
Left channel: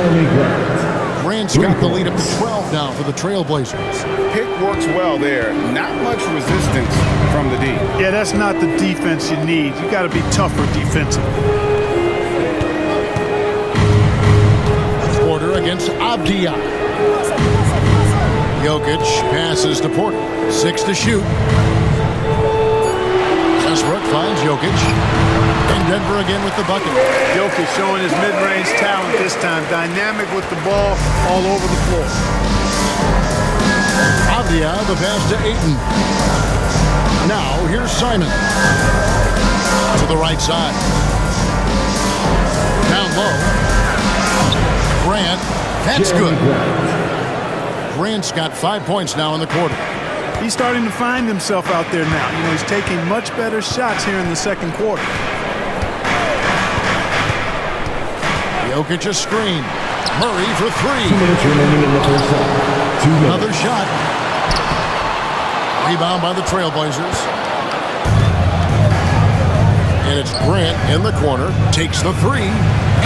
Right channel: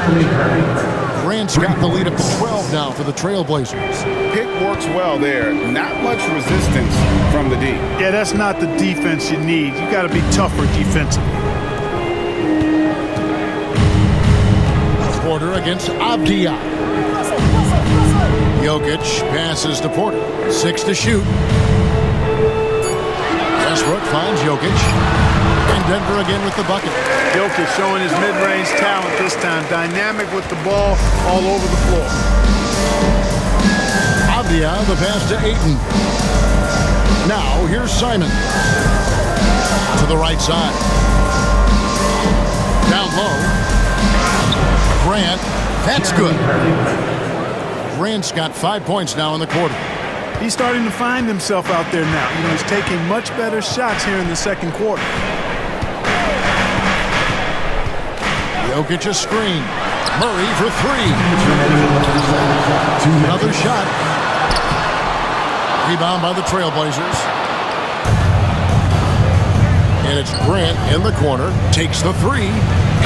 Grant's got the lead up to 12 now for the Trailblazers. Pick works well there. Not much resistance from the D. Yeah, that's not the defense you need. You got to be tougher defensively. Porter against Avdia. Jokic passes to Porter. 6 to shoot. Westbrook finds Jokic. And Denver again with the bucket. Jokic showing his mid-range talent this time. Dynamic with the ball all over the floor. Avdia, the pass to Ayton. Now, here's Simon. To the right side. Down low. Grant, that's good. Grant's got 5 points now in the quarter. He's starting to find himself out there now. You know, he's taking much better shots here in the second quarter. Jokic a screen. Murray for 3. Another shot. Rebound by the Trailblazers. And it's Grant in the corner. Takes the 3.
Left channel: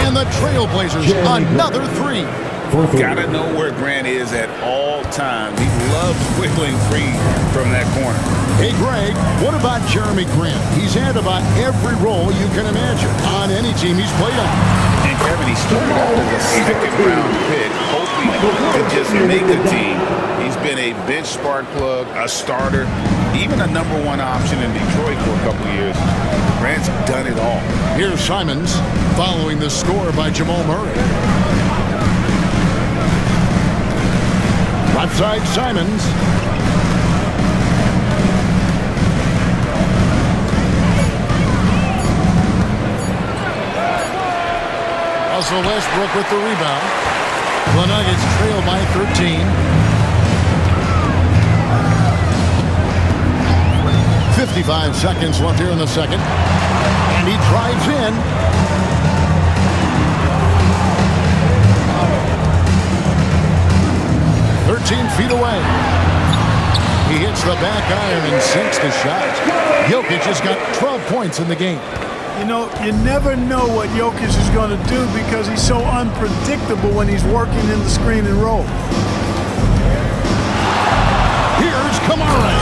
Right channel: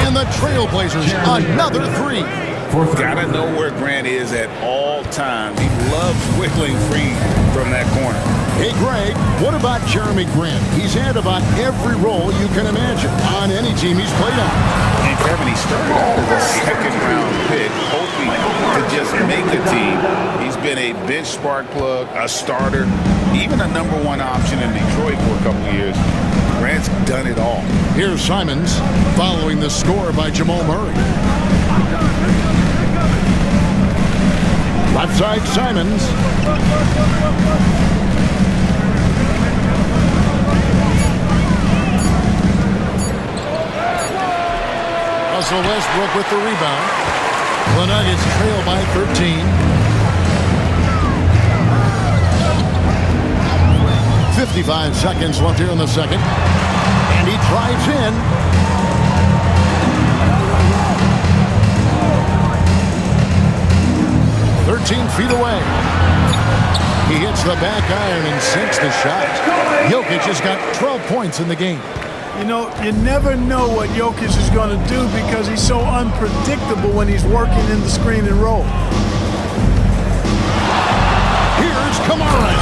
And the Trailblazers another 3. Gotta know where Grant is at all times. He loves wiggling free from that corner. Hey, Greg, what about Jeremy Grant? He's had about every role you can imagine on any team he's played on. And Kevin, he started out as a second-round pick, hoping to just make a team. He's been a bench spark plug, a starter, even a #1 option in Detroit for a couple of years. Grant's done it all. Here's Simons following the score by Jamal Murray. Left side, Simons. Russell Westbrook with the rebound. The Nuggets trail by 13. 55 seconds left here in the second. And he drives in. "13 feet away. He hits the back iron and sinks the shot. Jokic has got 12 points in the game. You know, you never know what Jokic is going to do because he's so unpredictable when he's working in the screen and roll. Here's Kamara.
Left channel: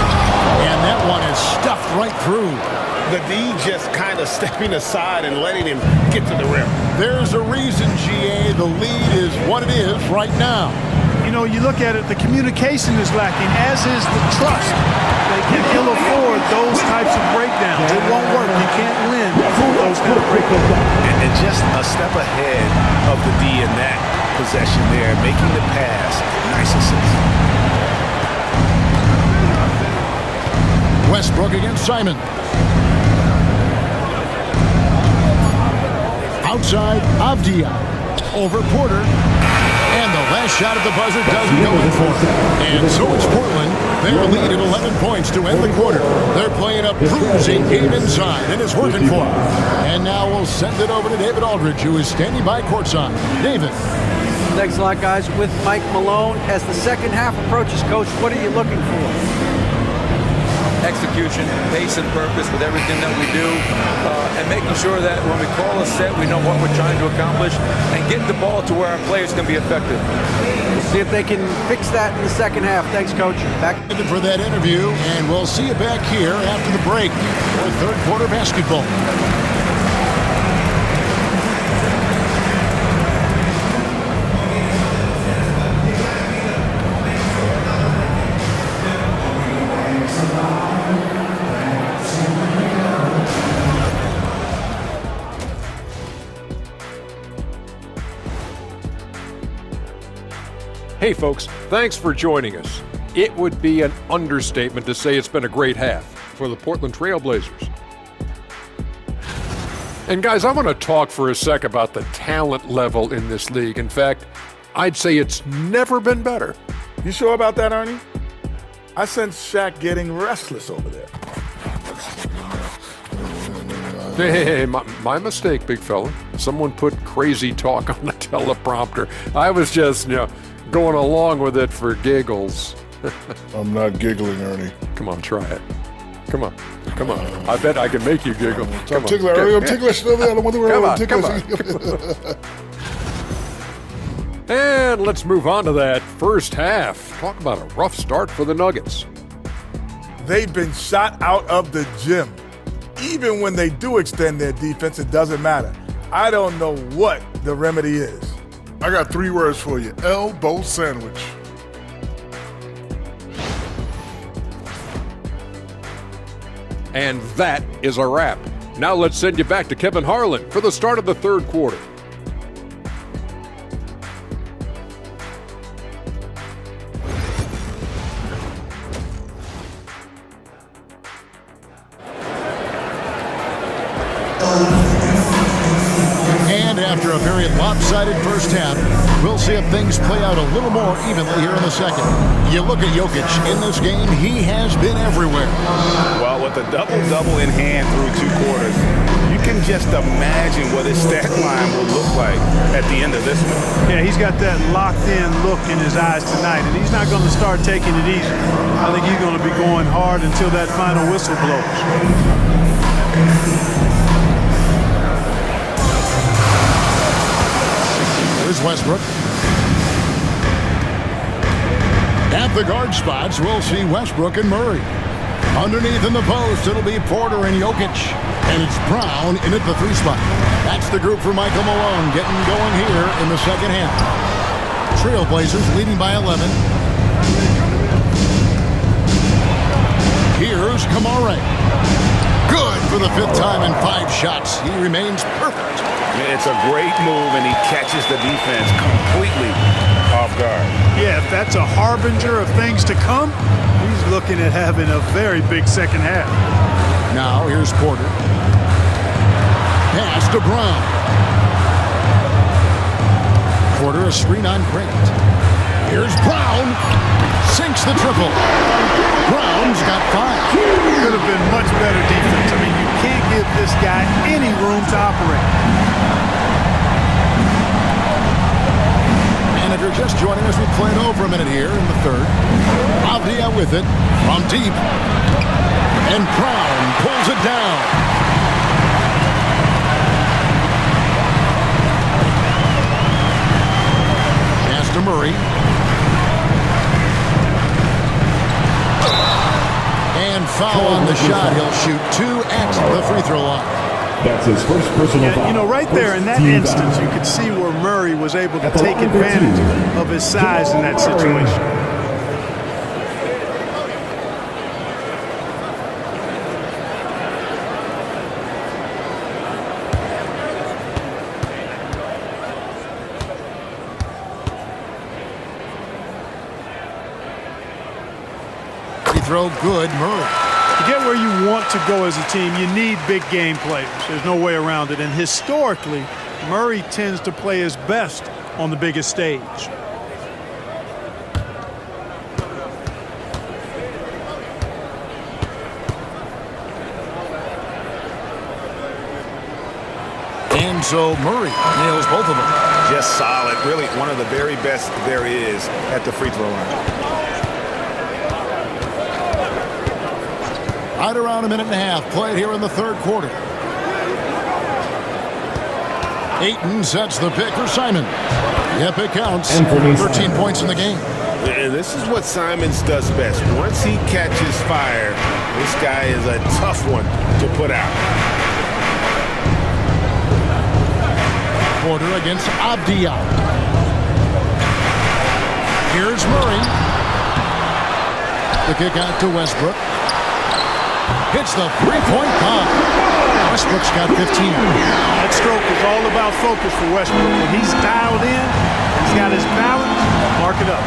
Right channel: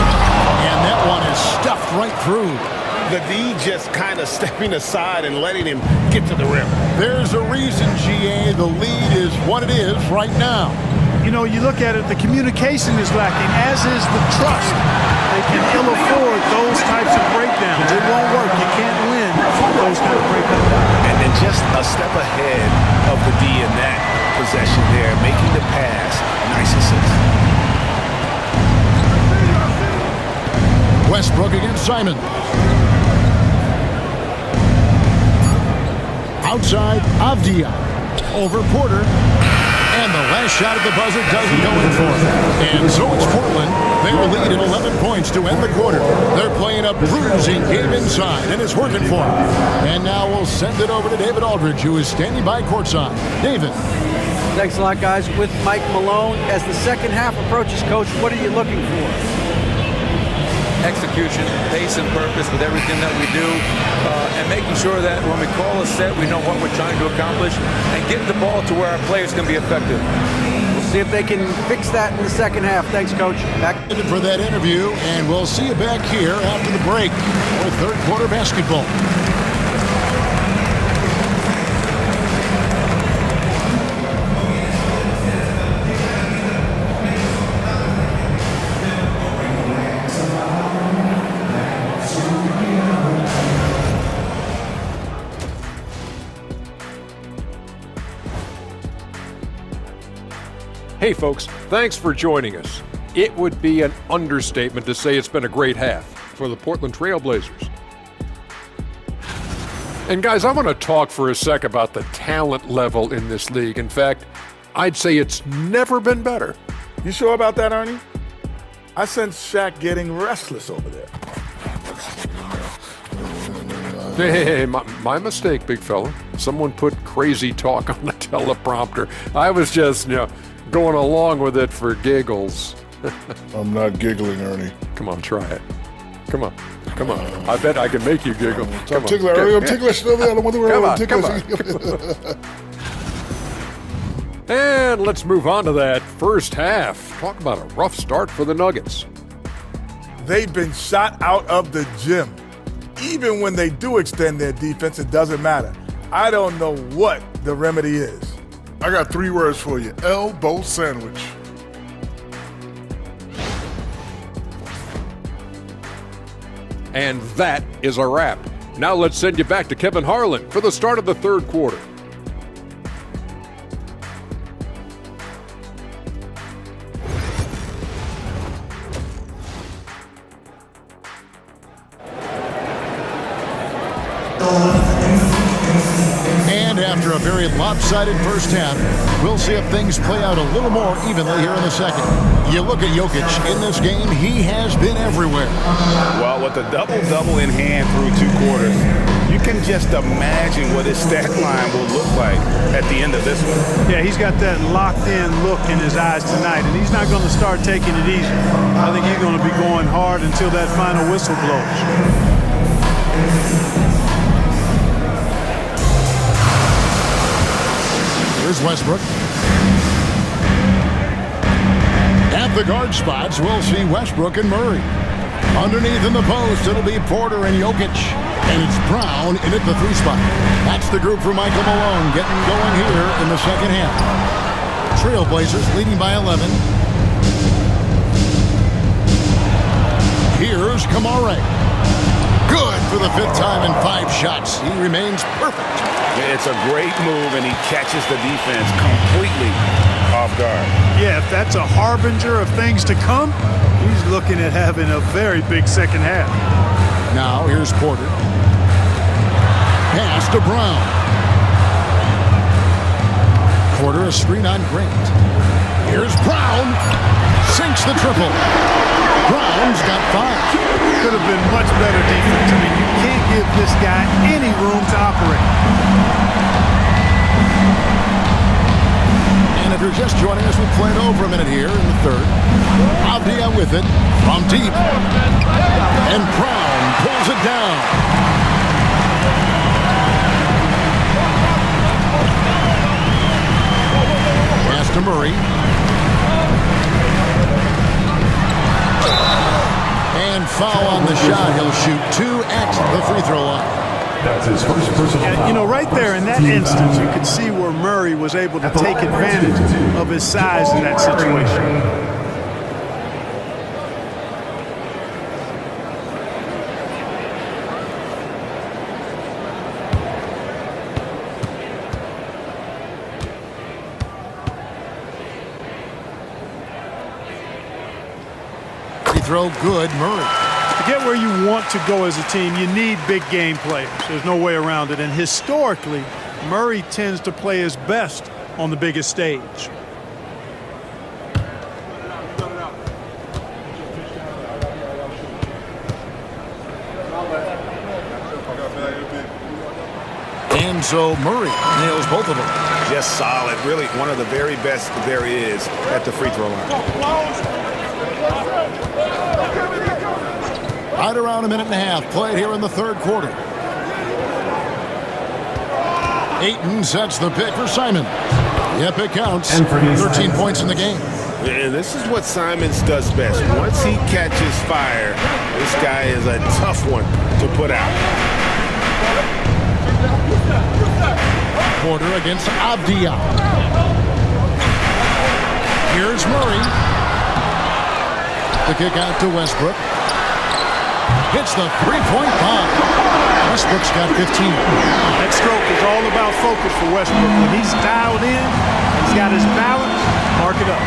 And that one is stuffed right through. The D just kind of stepping aside and letting him get to the rim. There's a reason, GA, the lead is what it is right now. You know, you look at it, the communication is lacking, as is the trust. They can ill afford those types of breakdowns. It won't work. You can't win those kind of breakdowns. And just a step ahead of the D in that possession there, making the pass. Nice assist. Westbrook against Simon. Outside, Avdia. Over Porter. And the last shot at the buzzer doesn't go in for him. And so it's Portland. Their lead at 11 points to end the quarter. They're playing a bruising game inside, and it's working for them. And now we'll send it over to David Aldridge, who is standing by courtside. David. Thanks a lot, guys. With Mike Malone, as the second half approaches, Coach, what are you looking for? Execution, pace, and purpose with everything that we do, and making sure that when we call a set, we know what we're trying to accomplish, and get the ball to where our players can be effective. We'll see if they can fix that in the second half. Thanks, Coach. Back For that interview, and we'll see you back here after the break for third quarter basketball. Hey folks, thanks for joining us. It would be an understatement to say it's been a great half for the Portland Trail Blazers. And guys, I want to talk for a sec about the talent level in this league. In fact, I'd say it's never been better. You sure about that, Ernie? I sense Shaq getting restless over there. Hey, my mistake, big fella. Someone put crazy talk on the teleprompter. I was just, going along with it for giggles. I'm not giggling, Ernie. Come on, try it. Come on. I bet I can make you giggle. I'm ticklish. I'm ticklish. I don't want to worry about ticklish. And let's move on to that first half. Talk about a rough start for the Nuggets. They've been shot out of the gym. Even when they do extend their defense, it doesn't matter. I don't know what the remedy is. I got 3 words for you. Elbow sandwich. And that is a wrap. Now let's send you back to Kevin Harlan for the start of the third quarter. And after a very lopsided first half, we'll see if things play out a little more evenly here in the second. You look at Jokic in this game, he has been everywhere. Well, with a double-double in hand through 2 quarters, you can just imagine what his stat line will look like at the end of this one. Yeah, he's got that locked-in look in his eyes tonight, and he's not going to start taking it easy. I think he's going to be going hard until that final whistle blows. Here's Westbrook. At the guard spots, we'll see Westbrook and Murray. Underneath in the post, it'll be Porter and Jokic. And it's Brown in at the 3 spot. That's the group for Michael Malone getting going here in the second half. Trailblazers leading by 11. Here's Kamara. Good. for the 5th time in 5 shots. He remains perfect. It's a great move, and he catches the defense completely off guard. Yeah, if that's a harbinger of things to come, he's looking at having a very big second half. Now here's Porter. Pass to Brown. Porter a screen on Grant. Here's Brown. Sinks the triple. Brown's got 5. Could have been much better defense. I mean, you can't give this guy any room to operate. And if you're just joining us, we played over a minute here in the 3rd. Avdia with it from deep. And Brown pulls it down. Pass to Murray. And foul on the shot. He'll shoot 2 at the free throw line. That's his first personal foul. You know, right there in that First team instance, foul. you could see where Murray was able to At the take line for advantage 2. of his size in that situation. Free throw good, Murray. To get where you want to go as a team, you need big game players. There's no way around it. And historically, Murray tends to play his best on the biggest stage. And so Murray nails both of them. Just solid. Really one of the very best there is at the free throw line. Right around a minute and a half played here in the 3rd quarter. Ayton sets the pick for Simon. Yep, it counts. 13 points in the game. And this is what Simons does best. Once he catches fire, this guy is a tough one to put out. Porter against Avdia. Here's Murray. The kick out to Westbrook. Hits the 3-point bomb. Westbrook's got 15. That stroke is all about focus for Westbrook. When he's dialed in and he's got his balance, mark it up.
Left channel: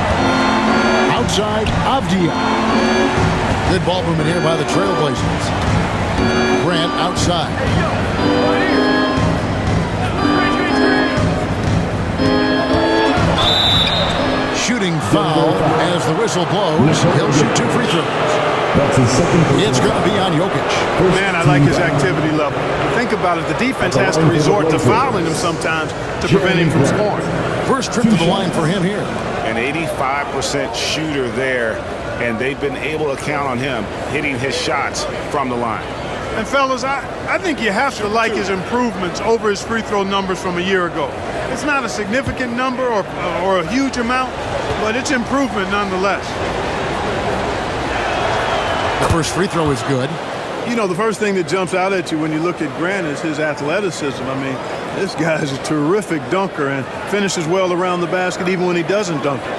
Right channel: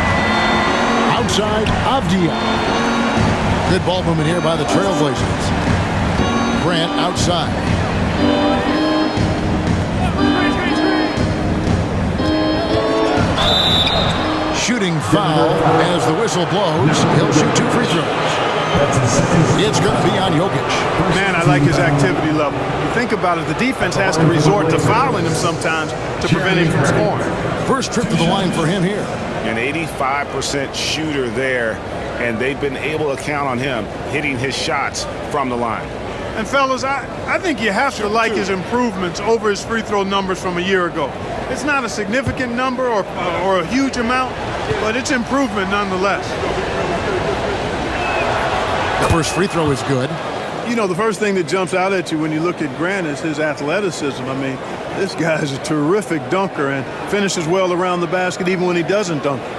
Outside, Avdia. Good ball movement here by the Trailblazers. Grant outside. Shooting foul as the whistle blows. He'll shoot 2 free throws. That's his second. It's going to be on Jokic. Man, I like his activity level. You think about it, the defense has to resort to fouling him sometimes to prevent him from scoring. First trip to the line for him here. An 85% shooter there, and they've been able to count on him hitting his shots from the line. And fellas, I think you have to like his improvements over his free throw numbers from a year ago. It's not a significant number or a huge amount, but it's improvement nonetheless. The first free throw is good. You know, the first thing that jumps out at you when you look at Grant is his athleticism. I mean, this guy is a terrific dunker and finishes well around the basket even when he doesn't dunk it.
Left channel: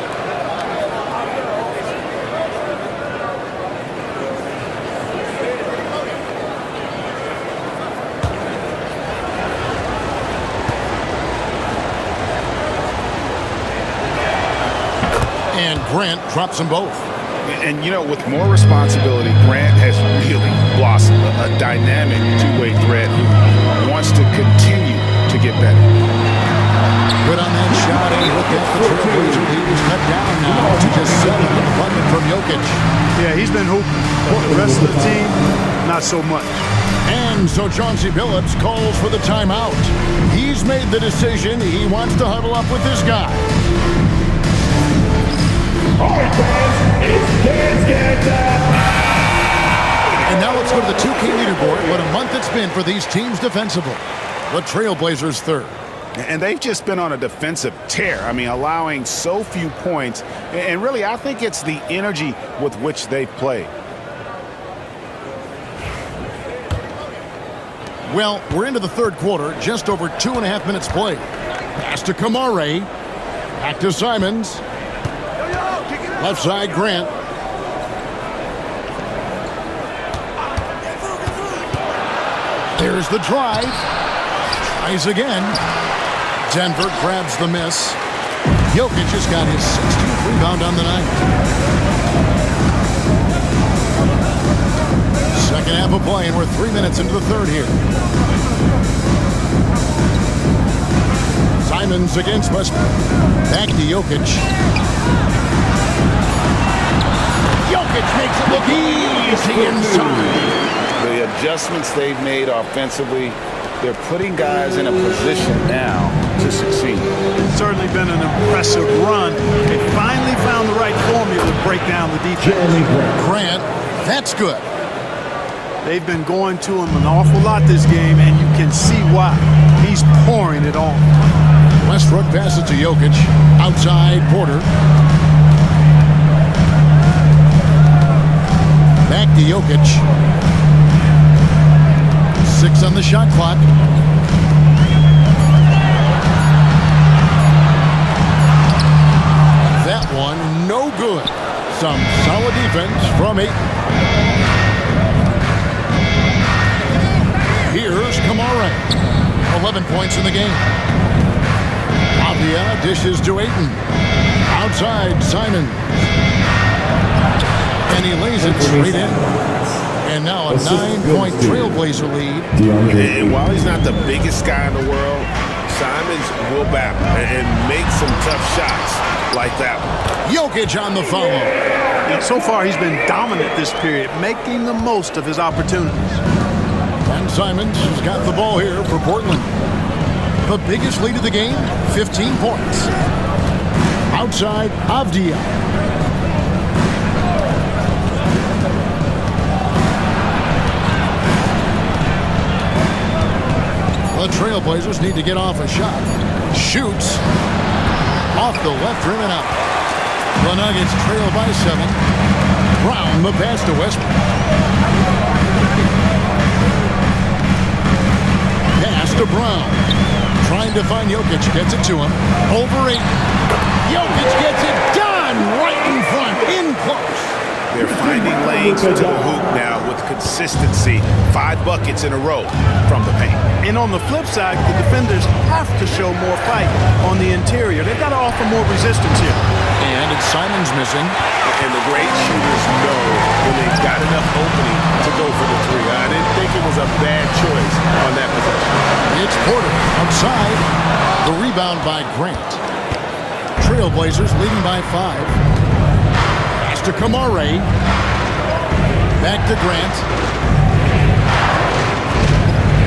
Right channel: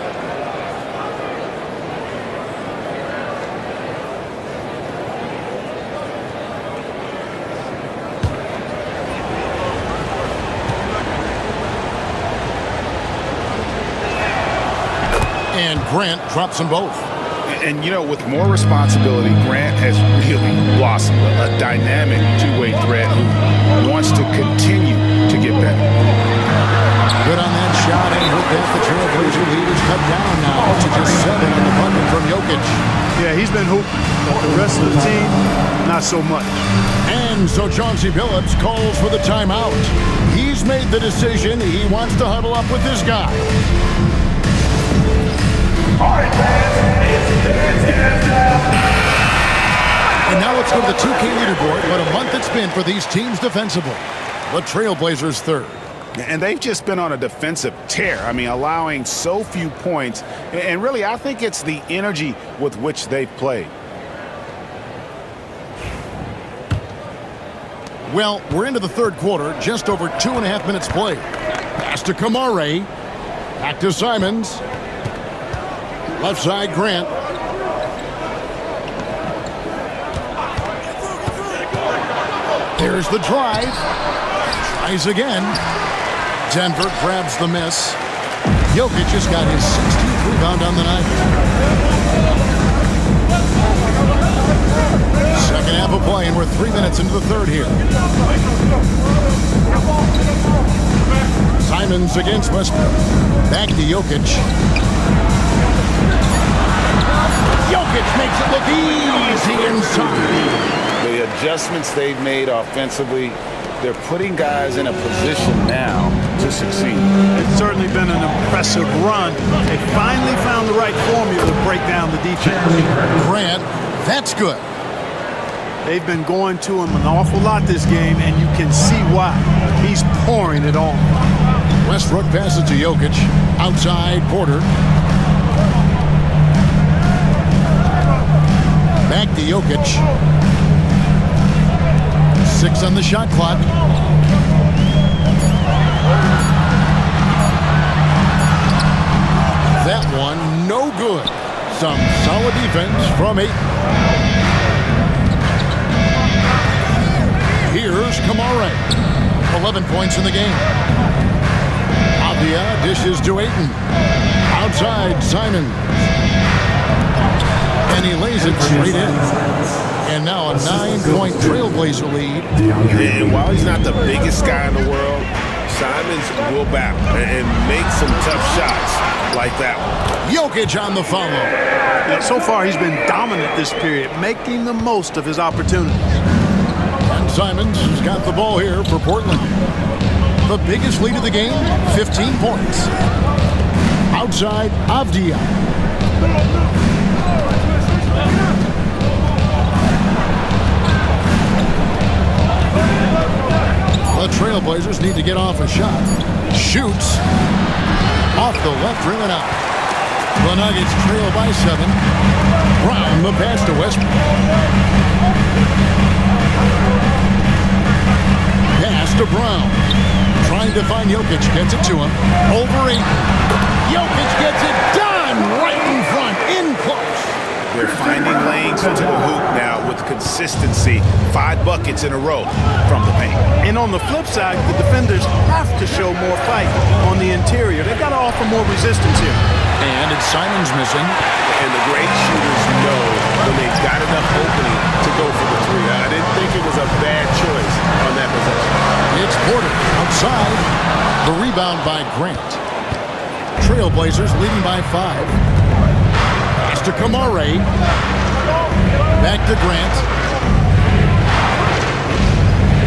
And Grant drops them both. And, you know, with more responsibility, Grant has really blossomed. A dynamic two-way threat who wants to continue to get better. Good on that shot, and with that, the Trailblazer lead is cut down now to just 7 on the bucket from Jokic. Yeah, he's been hooping, but the rest of the team, not so much. And so Chauncey Billups calls for the timeout. He's made the decision. He wants to huddle up with his guy. All right, fans, it's dance time. And now let's go to the 2K leaderboard. What a month it's been for these teams defensively. The Trailblazers 3rd. And they've just been on a defensive tear. I mean, allowing so few points. And really, I think it's the energy with which they've played. Well, we're into the 3rd quarter, just over 2.5 minutes played. Pass to Kamare. Back to Simons. Left side, Grant. There's the drive. Tries again. Denver grabs the miss. Jokic has got his 16th rebound on the night. Second half of play, and we're 3 minutes into the third here. Simons against Westbrook. Back to Jokic. Jokic makes it look easy inside. The adjustments they've made offensively, they're putting guys in a position now to succeed. It's certainly been an impressive run. They finally found the right formula to break down the defense. Grant, that's good. They've been going to him an awful lot this game, and you can see why. He's pouring it on. Westbrook passes to Jokic. Outside, Porter. Back to Jokic. 6 on the shot clock. That one, no good. Some solid defense from 8. Here's Kamara. 11 points in the game. Avdia dishes to Ayton. Outside, Simons. And he lays it straight in. And now a 9-point Trailblazer lead. And while he's not the biggest guy in the world, Simons will battle and make some tough shots like that one. Jokic on the follow. And so far, he's been dominant this period, making the most of his opportunities. And Simons has got the ball here for Portland. The biggest lead of the game, 15 points. Outside, Avdia. The Trailblazers need to get off a shot. Shoots. Off the left rim and out. The Nuggets trail by 7. Brown the pass to Westbrook. Pass to Brown. Trying to find Jokic. Gets it to him. Over 8. Jokic gets it done right in front. In close. They're finding lanes to the hoop now with consistency. 5 buckets in a row from the paint. And on the flip side, the defenders have to show more fight on the interior. They've got to offer more resistance here. And it's Simons missing. And the great shooters know when they've got enough opening to go for the 3. I didn't think it was a bad choice on that possession. It's Porter outside. The rebound by Grant. Trailblazers leading by 5. Pass to Kamara. Back to Grant.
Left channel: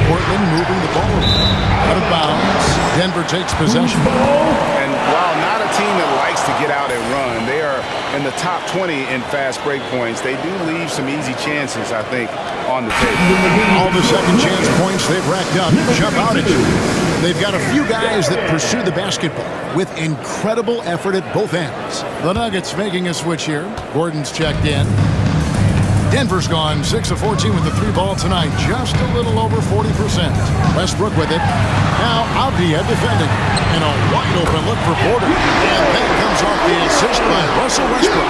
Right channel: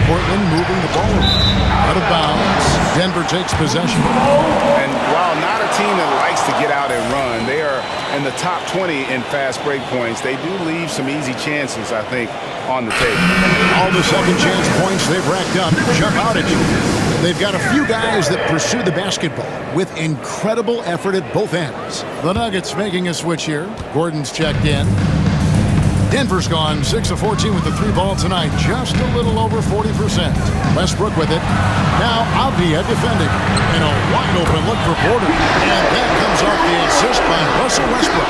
Portland moving the ball out of bounds. Denver takes possession. And while not a team that likes to get out and run, they are in the top 20 in fast break points. They do leave some easy chances, I think, on the table. All the second chance points they've racked up jump out at you. They've got a few guys that pursue the basketball with incredible effort at both ends. The Nuggets making a switch here. Gordon's checked in. Denver's gone 6 of 14 with the 3 ball tonight. Just a little over 40%. Westbrook with it. Now Avdia defending. And a wide open look for Porter. And that comes off the assist by Russell Westbrook.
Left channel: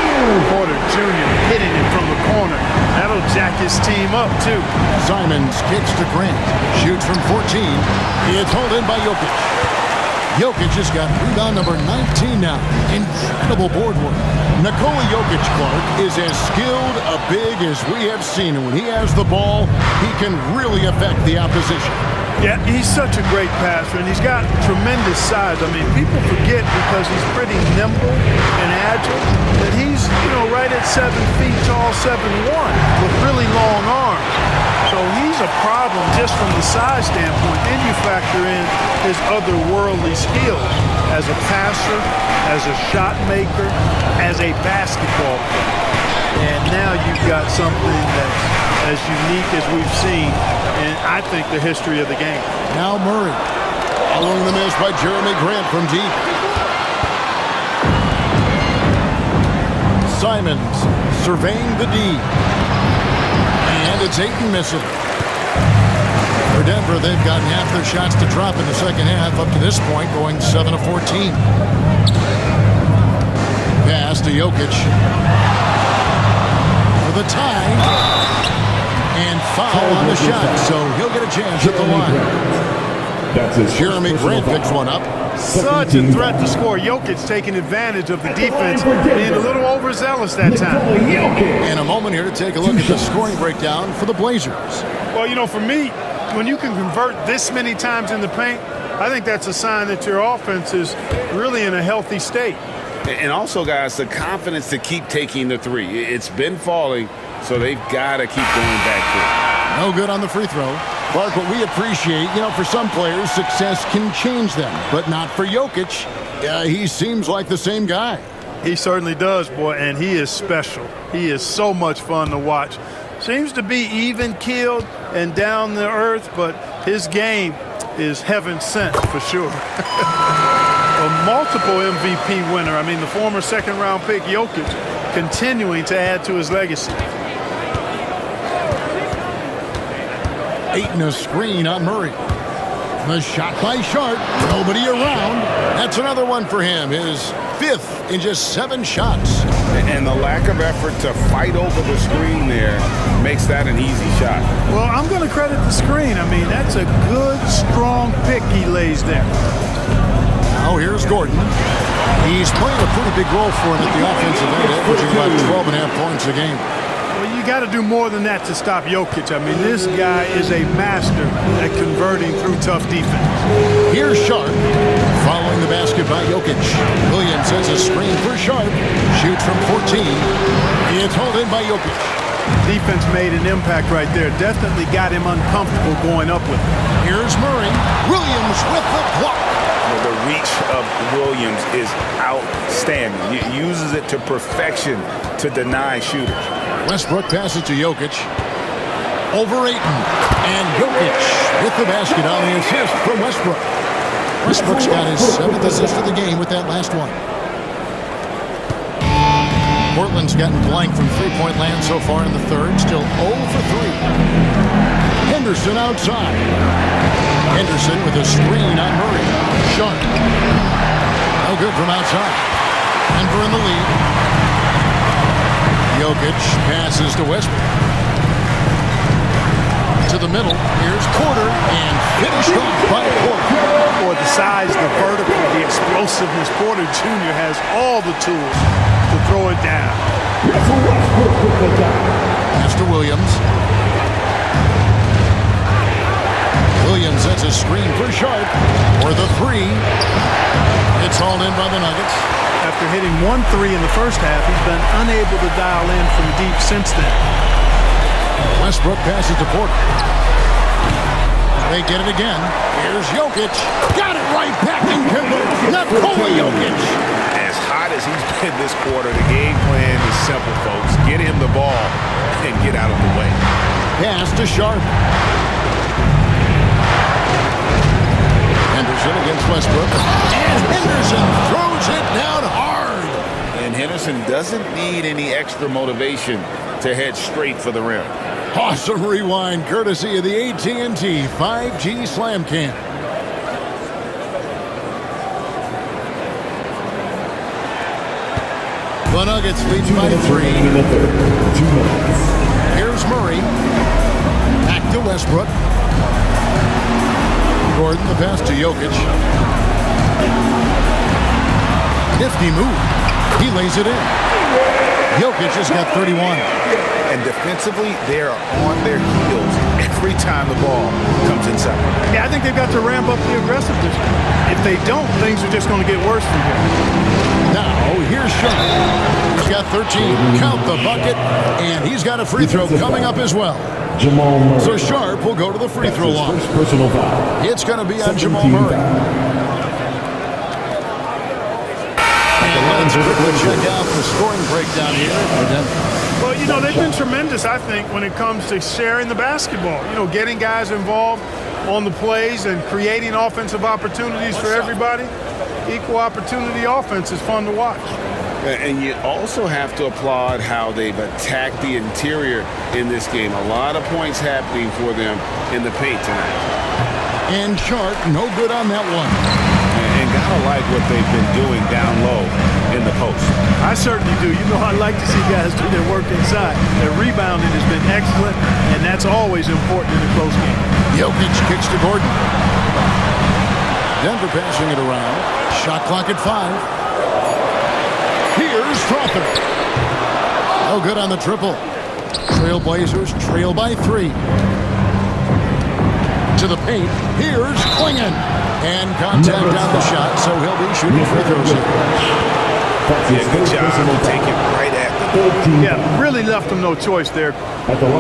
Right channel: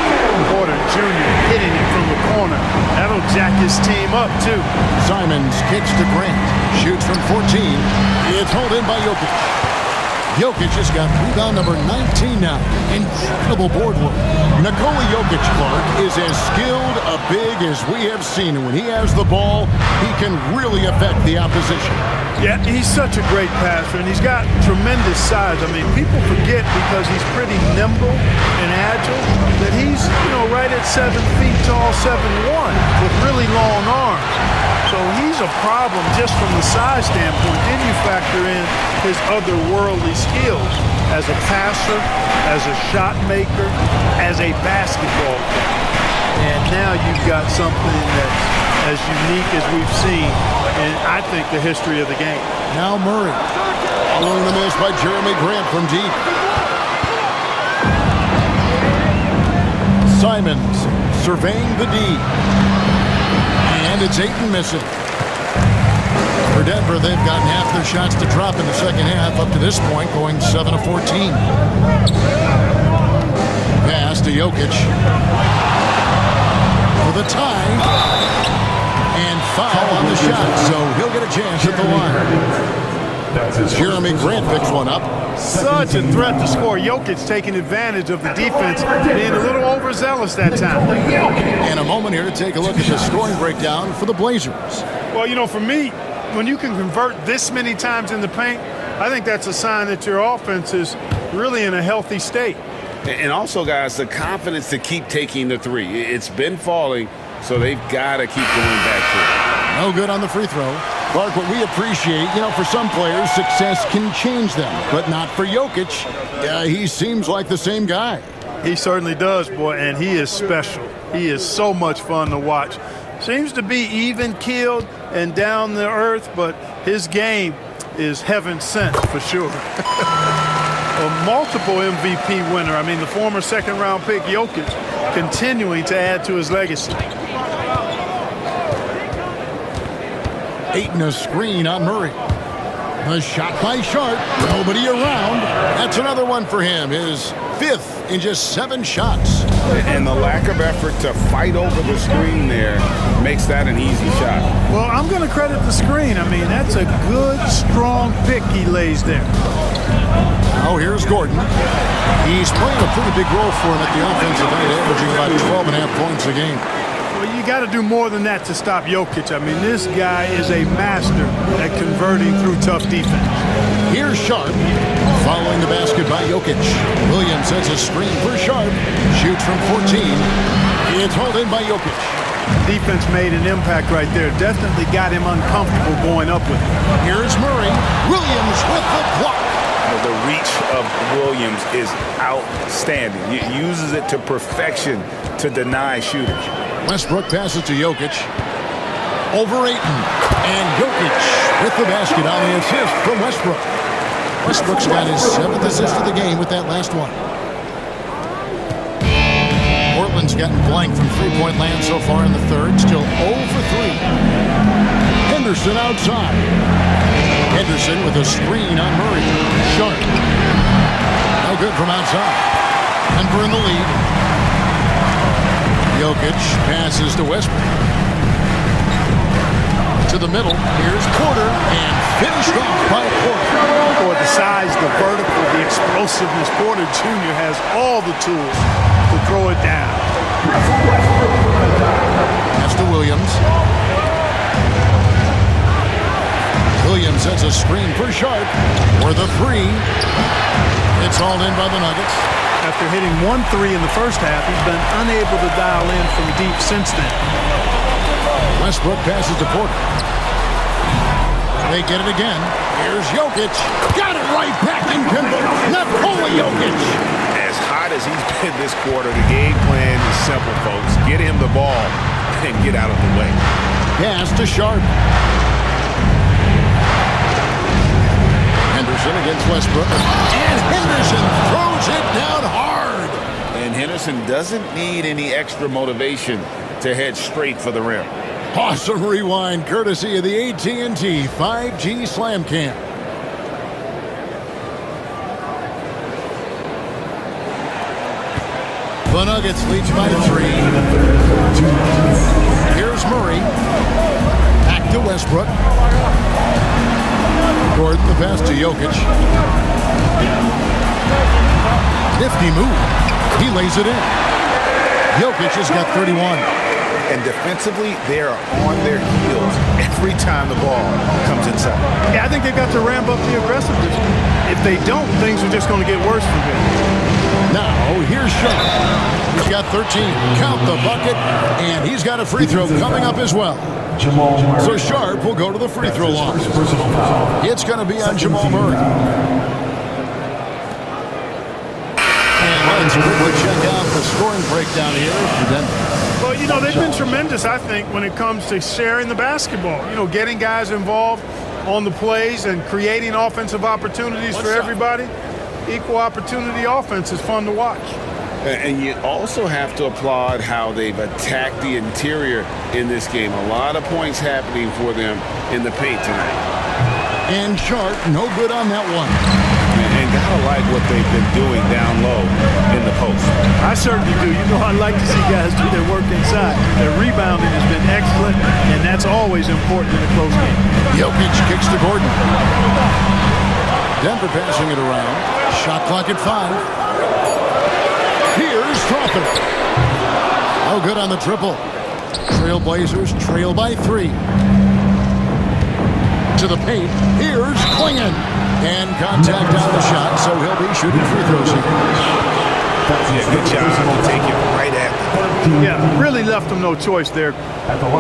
Porter Jr. hitting it from the corner. That'll jack his team up, too. Simons kicks to Grant. Shoots from 14. It's hauled in by Jokic. Jokic has got rebound number 19 now. Incredible board work. Nikola Jokic, Clark, is as skilled a big as we have seen. And when he has the ball, he can really affect the opposition. Yeah, he's such a great passer, and he's got tremendous size. I mean, people forget because he's pretty nimble and agile that he's, right at 7 feet tall, 7'1", with really long arms. So he's a problem just from the size standpoint. Then you factor in his otherworldly skills as a passer, as a shot maker, as a basketball player. And now you've got something that's as unique as we've seen in, I think, the history of the game. Now Murray. Following the miss by Jeremy Grant from deep. Simons surveying the D. And it's Ayton missing. For Denver, they've gotten half their shots to drop in the second half up to this point, going 7 of 14. Pass to Jokic. For the tie. And foul on the shot, so he'll get a chance at the line. That's his Jeremy Grant picks one up. Such a threat to score. Jokic taking advantage of the defense, being a little overzealous that time. And a moment here to take a look at the scoring breakdown for the Blazers. Well, you know, for me, when you can convert this many times in the paint, I think that's a sign that your offense is really in a healthy state. And also, guys, the confidence to keep taking the three. It's been falling, so they've got to keep going back to it. No good on the free throw. Clark, what we appreciate, for some players, success can change them, but not for Jokic. He seems like the same guy. He certainly does, boy, and he is special. He is so much fun to watch. Seems to be even-keeled and down to earth, but his game is heaven sent for sure. A multiple MVP winner. I mean, the former second-round pick Jokic continuing to add to his legacy. Ayton a screen on Murray. The shot by Sharp. Nobody around. That's another one for him. His fifth in just 7 shots. And the lack of effort to fight over the screen there makes that an easy shot. Well, I'm going to credit the screen. I mean, that's a good, strong pick he lays there. Now here's Gordon. He's playing a pretty big role for him at the offensive end, averaging about 12.5 points a game. Well, you got to do more than that to stop Jokic. I mean, this guy is a master at converting through tough defense. Here's Sharp. Following the basket by Jokic. Williams sets a screen for Sharp. Shoots from 14. It's hauled in by Jokic. Defense made an impact right there. Definitely got him uncomfortable going up with it. Here's Murray. Williams with the block. The reach of Williams is outstanding. He uses it to perfection to deny shooters. Westbrook passes to Jokic. Over Ayton. And Jokic with the basket on the assist from Westbrook. Westbrook's got his 7th assist of the game with that last one. Portland's gotten blank from three-point land so far in the third. Still 0 for 3. Henderson outside. Henderson with a screen on Murray. Sharp. No good from outside. Denver in the lead. Jokic passes to Westbrook. To the middle. Here's Porter and finished off by Porter. Boy, the size, the vertical, the explosiveness. Porter Jr. has all the tools to throw it down. Pass to Williams. Williams sets a screen for Sharp. For the 3. It's hauled in by the Nuggets. After hitting 1 3 in the first half, he's been unable to dial in from deep since then. Westbrook passes to Porter. They get it again. Here's Jokic. Got it right back and converts. Nikola Jokic. As hot as he's been this quarter, the game plan is simple, folks. Get him the ball and get out of the way. Pass to Sharp. Henderson against Westbrook. And Henderson throws it down hard. And Henderson doesn't need any extra motivation to head straight for the rim. Awesome rewind courtesy of the AT&T 5G Slam Cam. The Nuggets lead by 3. Here's Murray. Back to Westbrook. Gordon, the pass to Jokic. Nifty move. He lays it in. Jokic has got 31. And defensively, they are on their heels every time the ball comes inside. Yeah, I think they've got to ramp up the aggressiveness. If they don't, things are just going to get worse from here. Now, here's Sharp. He's got 13. Count the bucket. And he's got a free throw coming up as well. Jamal Murray. So Sharp will go to the free throw line. Personal foul. It's going to be on Jamal Murray. And let's quickly check out the scoring breakdown here for Denver. Well, you know, they've been tremendous, I think, when it comes to sharing the basketball. You know, getting guys involved on the plays and creating offensive opportunities for everybody. Equal opportunity offense is fun to watch. And you also have to applaud how they've attacked the interior in this game. A lot of points happening for them in the paint tonight. And Sharp, no good on that one. And gotta like what they've been doing down low in the post. I certainly do. You know, I like to see guys do their work inside. Their rebounding has been excellent, and that's always important in a close game. Jokic kicks to Gordon. Denver passing it around. Shot clock at 5. Here's Strawther. No good on the triple. Trailblazers trail by 3. To the paint. Here's Klingon. And contact on the shot, so he'll be shooting free throws here. Yeah, good job to take it right at them. Yeah, really left him no choice there.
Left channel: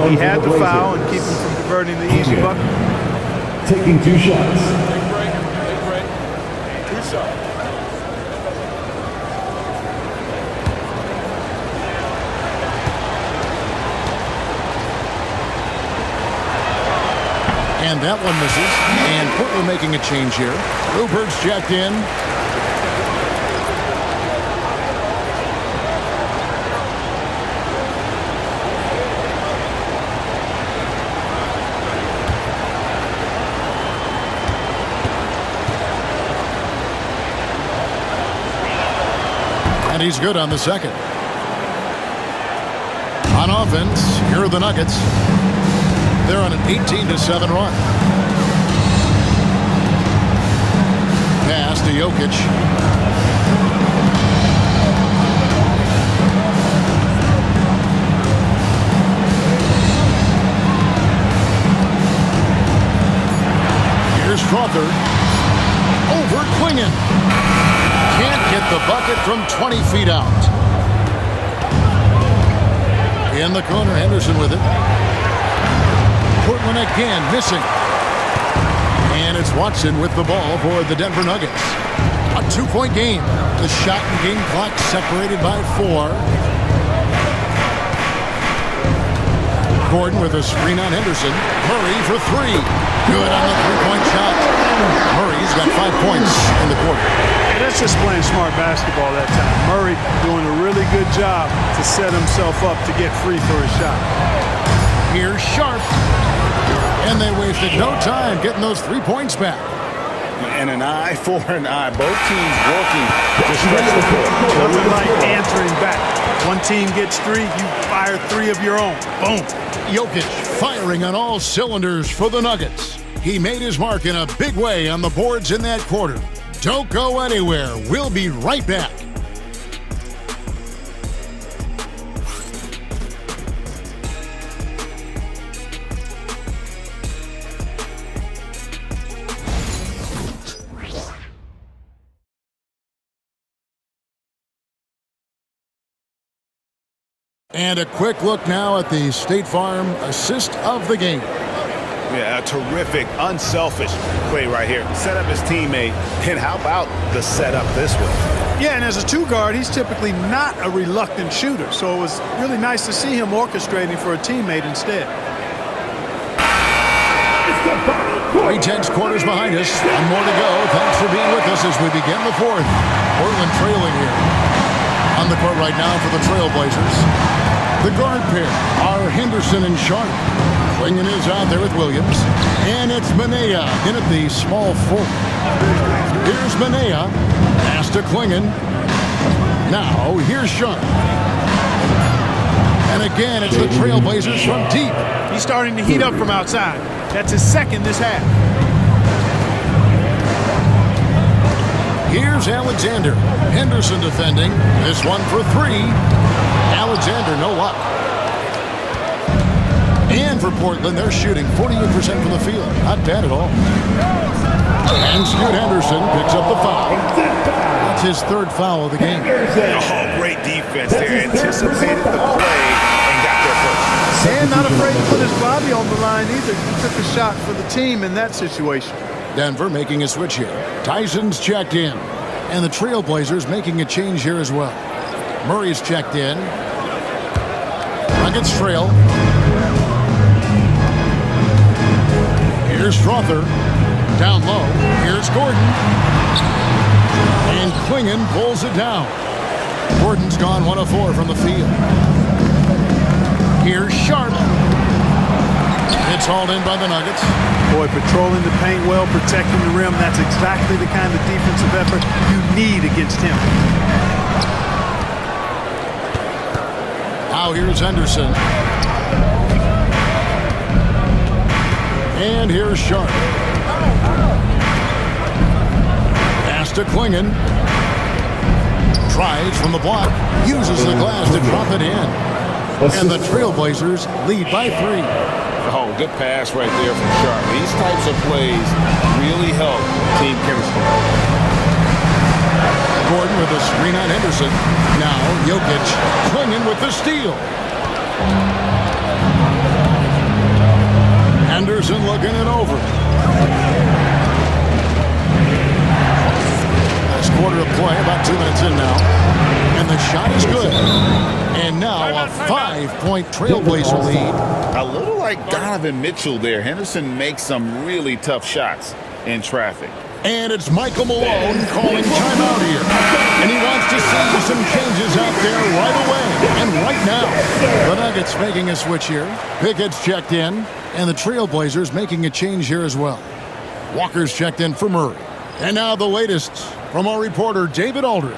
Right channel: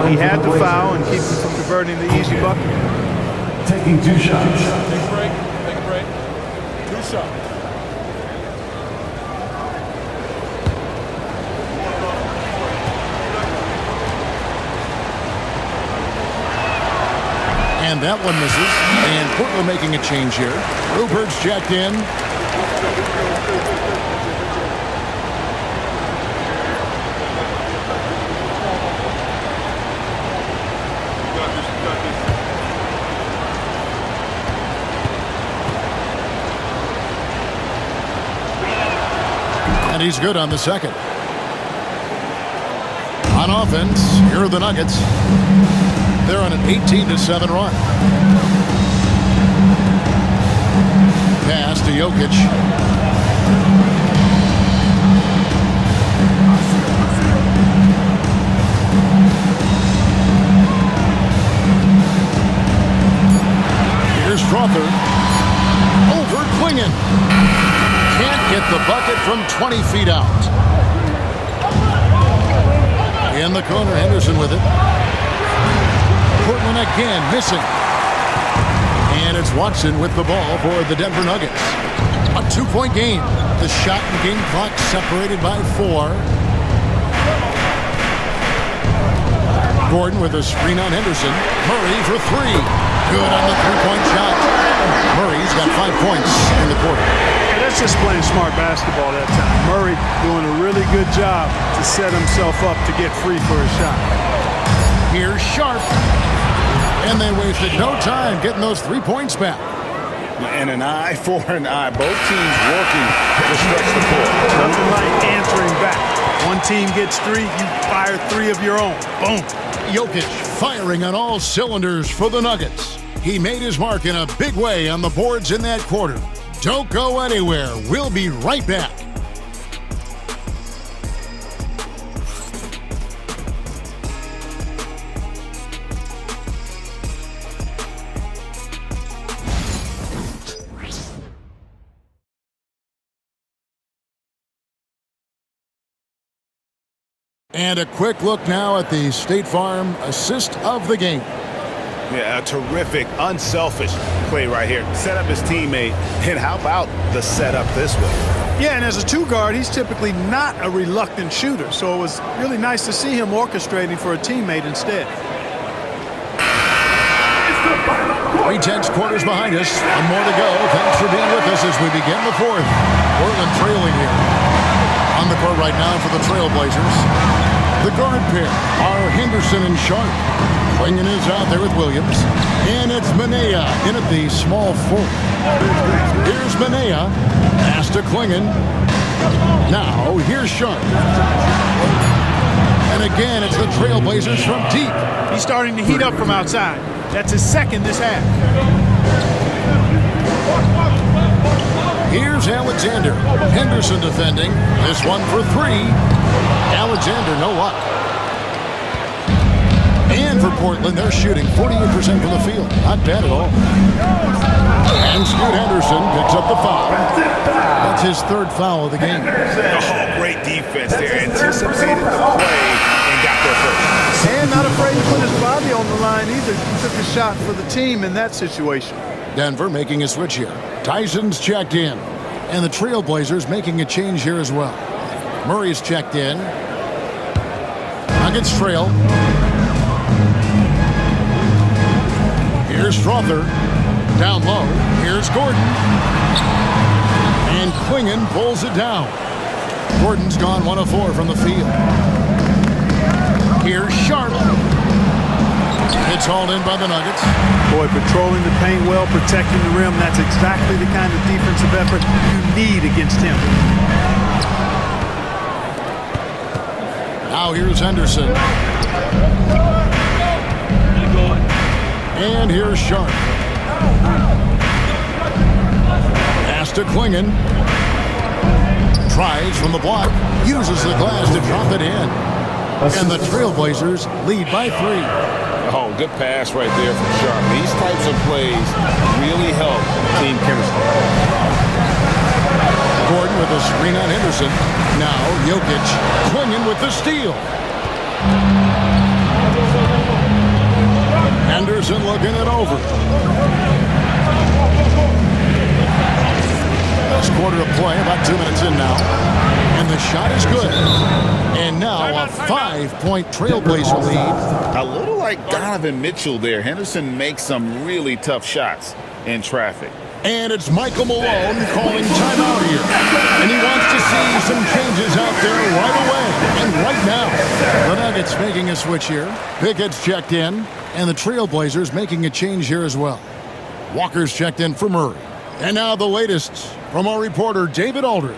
He had to foul and keep him from converting the easy bucket. Taking 2 shots. Take a break. Take a break. 2 shots. And that one misses. And Portland making a change here. Rupert's checked in. And he's good on the second. On offense, here are the Nuggets. They're on an 18-7 run. Pass to Jokic. Here's Strawther. Over Klingon. Can't get the bucket from 20 feet out. In the corner, Henderson with it. Portland again missing. And it's Watson with the ball for the Denver Nuggets. A 2-point game. The shot and game clock separated by 4. Gordon with a screen on Henderson. Murray for 3. Good on the 3-point shot. Murray's got 5 points in the quarter. Yeah, that's just playing smart basketball that time. Murray doing a really good job to set himself up to get free for his shot. Here's Sharp. And they wasted no time getting those 3 points back. And an eye for an eye. Both teams working to stretch the court. Nothing like answering back. One team gets 3, you fire 3 of your own. Boom. Jokic firing on all cylinders for the Nuggets. He made his mark in a big way on the boards in that quarter. Don't go anywhere. We'll be right back. And a quick look now at the State Farm assist of the game. Yeah, a terrific, unselfish play right here. Set up his teammate, and how about the setup this way? Yeah, and as a 2 guard, he's typically not a reluctant shooter, so it was really nice to see him orchestrating for a teammate instead. 3 tenths quarters behind us. 1 more to go. Thanks for being with us as we begin the 4th. Portland trailing here. On the court right now for the Trailblazers. The guard pair are Henderson and Sharp. Klingon is out there with Williams. And it's Manea in at the small forward. Here's Manea. Pass to Klingon. Now, here's Sharp. And again, it's the Trailblazers from deep. He's starting to heat up from outside. That's his 2nd this half. Here's Alexander. Henderson defending. This one for 3. Alexander, no luck. And for Portland, they're shooting 48% from the field. Not bad at all. And Scoot Henderson picks up the foul. That's his 3rd foul of the game. Oh, great defense there. Anticipated the play and got there first. And not afraid to put his body on the line either. He took a shot for the team in that situation. Denver making a switch here. Tyson's checked in. And the Trailblazers making a change here as well. Murray's checked in. Nuggets trail. Here's Strawther. Down low. Here's Gordon. And Klingon pulls it down. Gordon's gone 1 of 4 from the field. Here's Sharp. It's hauled in by the Nuggets. Boy, patrolling the paint well, protecting the rim. That's exactly the kind of defensive effort you need against him. Now here's Henderson. And here's Sharp. Pass to Klingon. Tries from the block. Uses the glass to drop it in. And the Trailblazers lead by 3. Oh, good pass right there from Sharp. These types of plays really help team chemistry. Gordon with a screen on Henderson. Now Jokic Klingon with the steal. Henderson looking it over. Last quarter of play, about 2 minutes in now. And the shot is good. And now a 5-point Trailblazer lead. A little like Donovan Mitchell there. Henderson makes some really tough shots in traffic. And it's Michael Malone calling timeout here. And he wants to see some changes out there right away. And right now, the Nuggets making a switch here. Pickett's checked in. And the Trailblazers making a change here as well. Walker's checked in for Murray. And now the latest from our reporter, David Aldridge.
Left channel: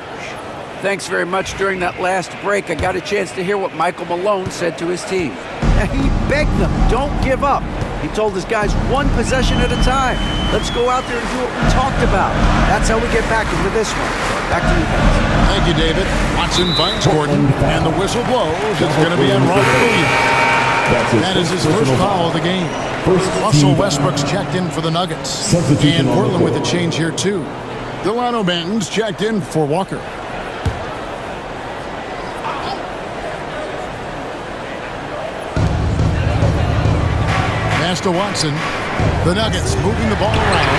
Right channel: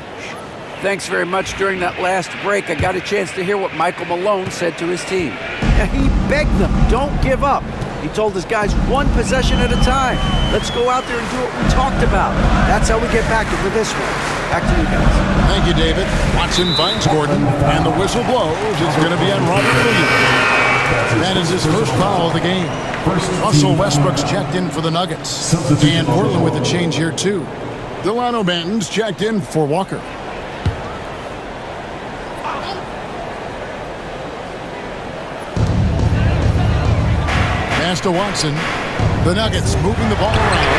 Thanks very much. During that last break, I got a chance to hear what Michael Malone said to his team. Now, he begged them, don't give up. He told his guys, one possession at a time. Let's go out there and do what we talked about. That's how we get back into this one. Back to you guys. Thank you, David. Watson finds Gordon, and the whistle blows. It's going to be on Robert Williams. That is his first foul of the game. Russell Westbrook's checked in for the Nuggets. And Portland with a change here, too. Delano Banton's checked in for Walker. Pass to Watson. The Nuggets moving the ball around.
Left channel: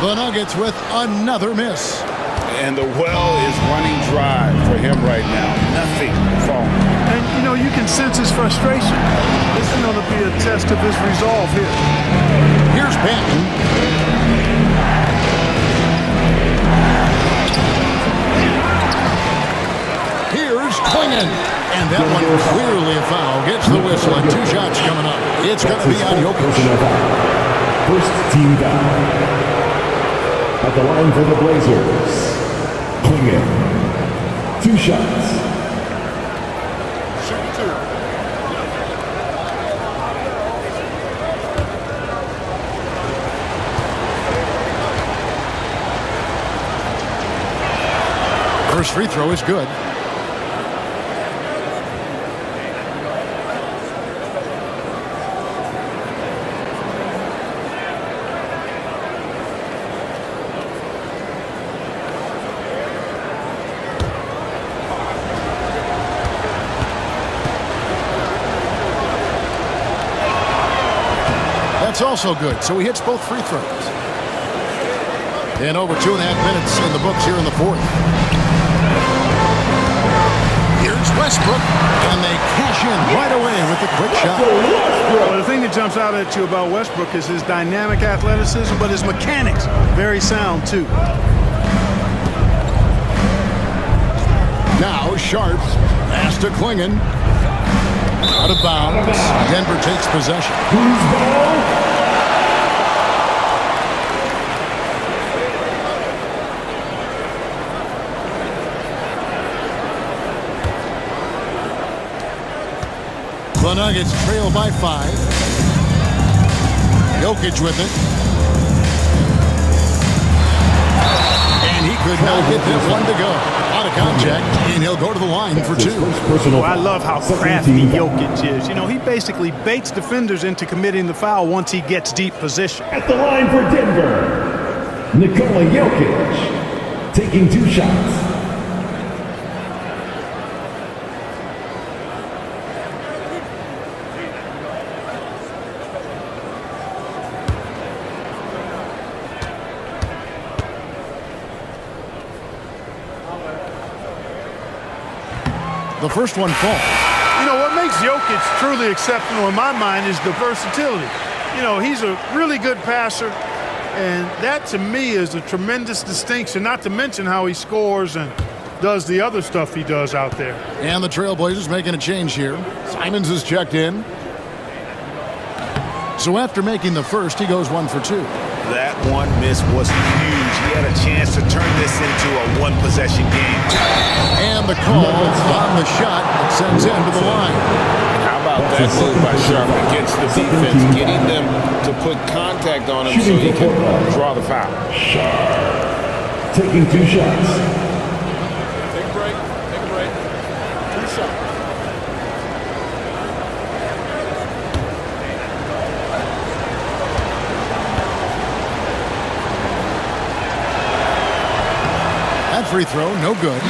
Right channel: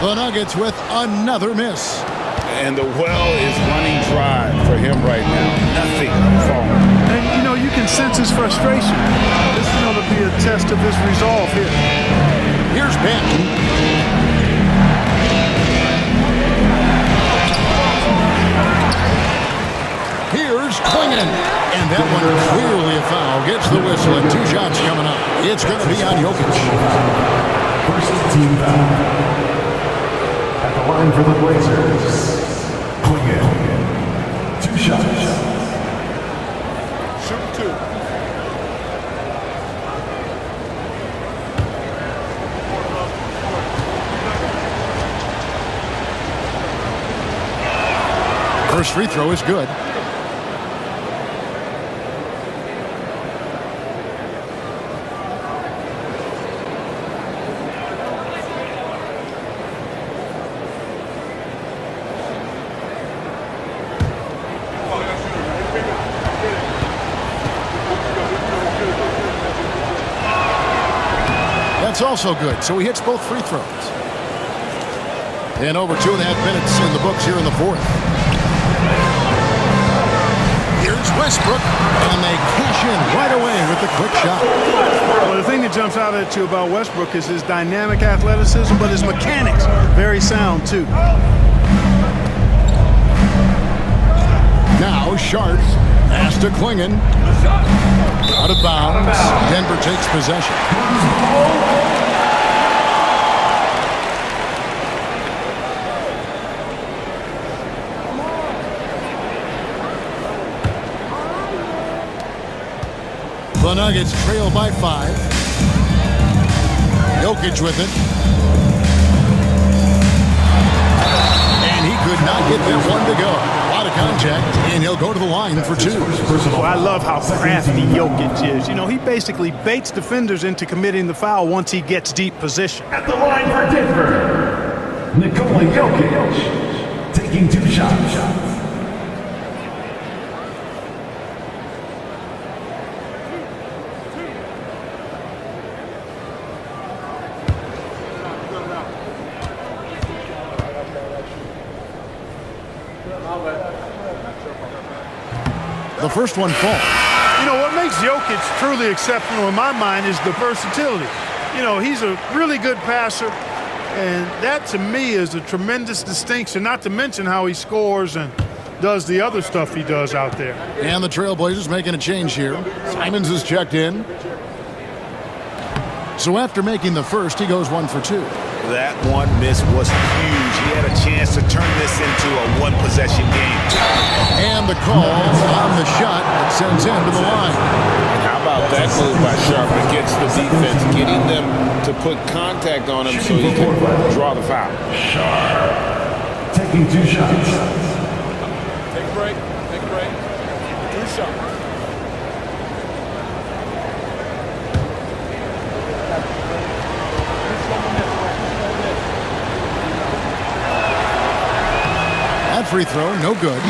The Nuggets with another miss. And the well is running dry for him right now. Nothing falling. And, you know, you can sense his frustration. This is going to be a test of his resolve here. Here's Banton. Here's Klingon. And that one clearly a foul. Gets the whistle and 2 shots coming up. It's going to be on Jokic. First team foul. At the line for the Blazers. Klingon. 2 shots. Shoot 2. First free throw is good. That's also good. So he hits both free throws. And over 2.5 minutes in the books here in the fourth. Here's Westbrook, and they cash in right away with the quick shot. Well, the thing that jumps out at you about Westbrook is his dynamic athleticism, but his mechanics, very sound too. Now Sharp, pass to Klingon. Out of bounds. Denver takes possession. The Nuggets trail by 5. Jokic with it. And he could not get that one to go. A lot of contact, and he'll go to the line for 2. Well, I love how crafty Jokic is. You know, he basically baits defenders into committing the foul once he gets deep position. At the line for Denver, Nikola Jokic, taking 2 shots. The first one falls. You know, what makes Jokic truly exceptional in my mind is the versatility. You know, he's a really good passer, and that to me is a tremendous distinction, not to mention how he scores and does the other stuff he does out there. And the Trailblazers making a change here. Simons is checked in. So after making the first, he goes 1 for 2. That one miss was huge. He had a chance to turn this into a one-possession game. And the call on the shot that sends him to the line. And how about that move by Sharp against the defense, getting them to put contact on him so he can draw the foul. Sharp taking 2 shots. Take a break. Take a break. 2 shots. That free throw, no good.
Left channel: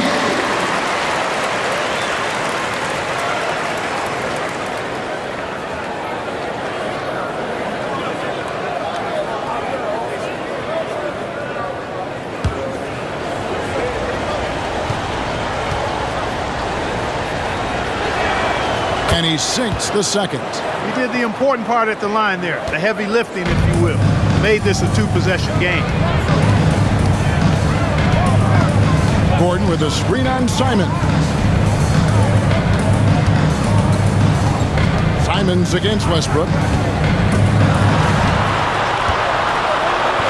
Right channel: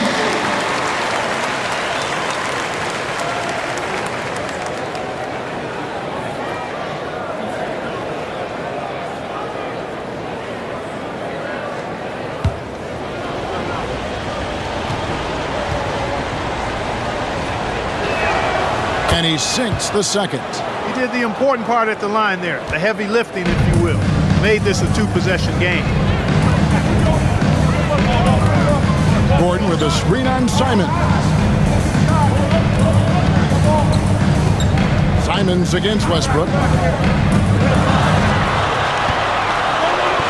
And he sinks the second. He did the important part at the line there, the heavy lifting, if you will. Made this a 2-possession game. Gordon with a screen on Simon. Simons against Westbrook.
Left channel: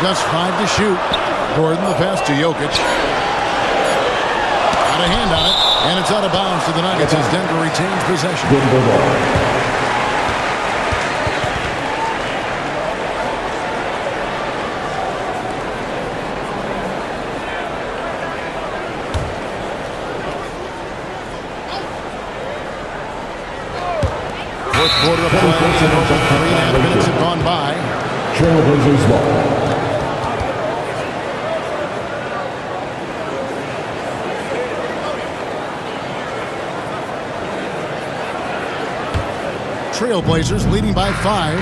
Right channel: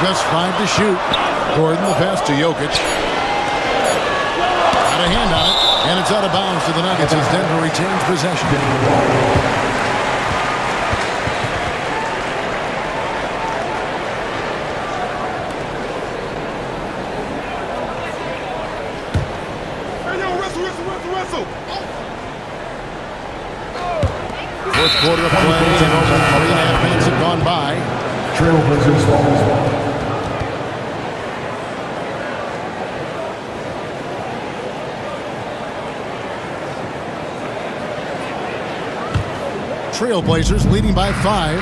Just 5 to shoot. Gordon the pass to Jokic. Got a hand on it, and it's out of bounds to the Nuggets as Denver retains possession. Fourth quarter of play, and over 3.5 minutes have gone by. Trailblazers ball. Trailblazers leading by 5.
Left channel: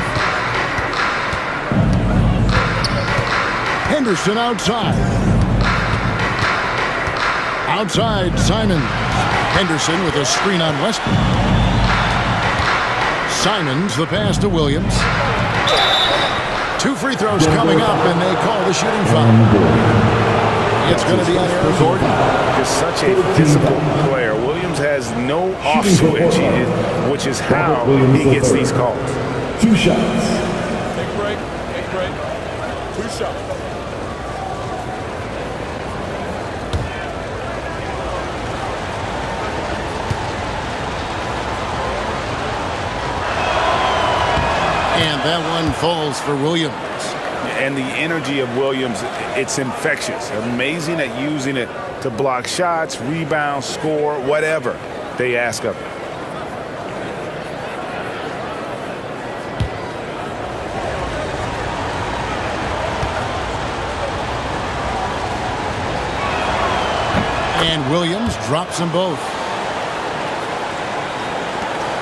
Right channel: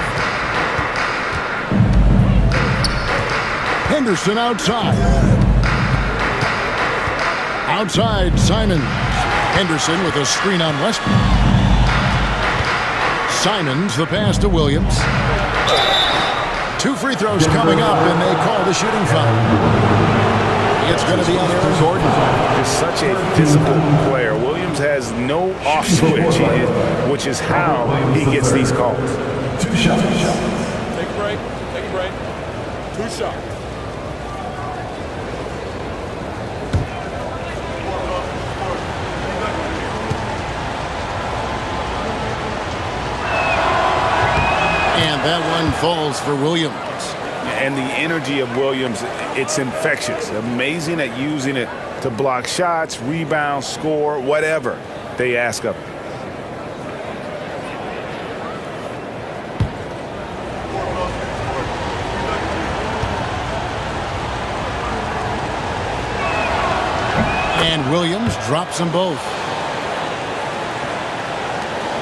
Henderson outside. Outside, Simon. Henderson with a screen on Westbrook. Simons the pass to Williams. 2 free throws coming up, and they call the shooting foul. It's going to be on Aaron Gordon. Just such a disciplined player. Williams has no off switch, which is how he gets these calls. 2 shots. Take a break. Take a break. 2 shots. And that one falls for Williams. And the energy of Williams, it's infectious. Amazing at using it to block shots, rebound, score, whatever they ask of him. And Williams drops them both.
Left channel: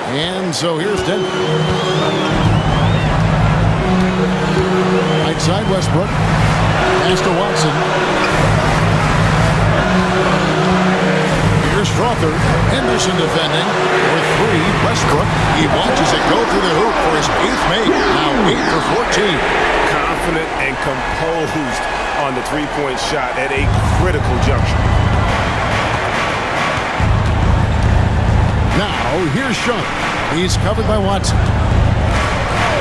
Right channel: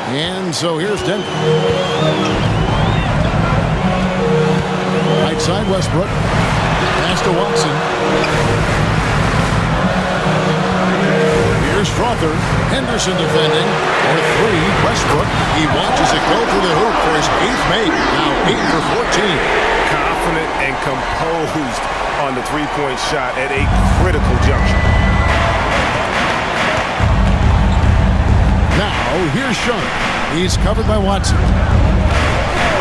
And so here's Denver. Right side, Westbrook. Pass to Watson. Here's Strother. Henderson defending. For 3, Westbrook. He watches it go through the hoop for his 8th make. Now 8 for 14. Confident and composed on the 3-point shot at a critical juncture. Now, here's Sharp. He's covered by Watson.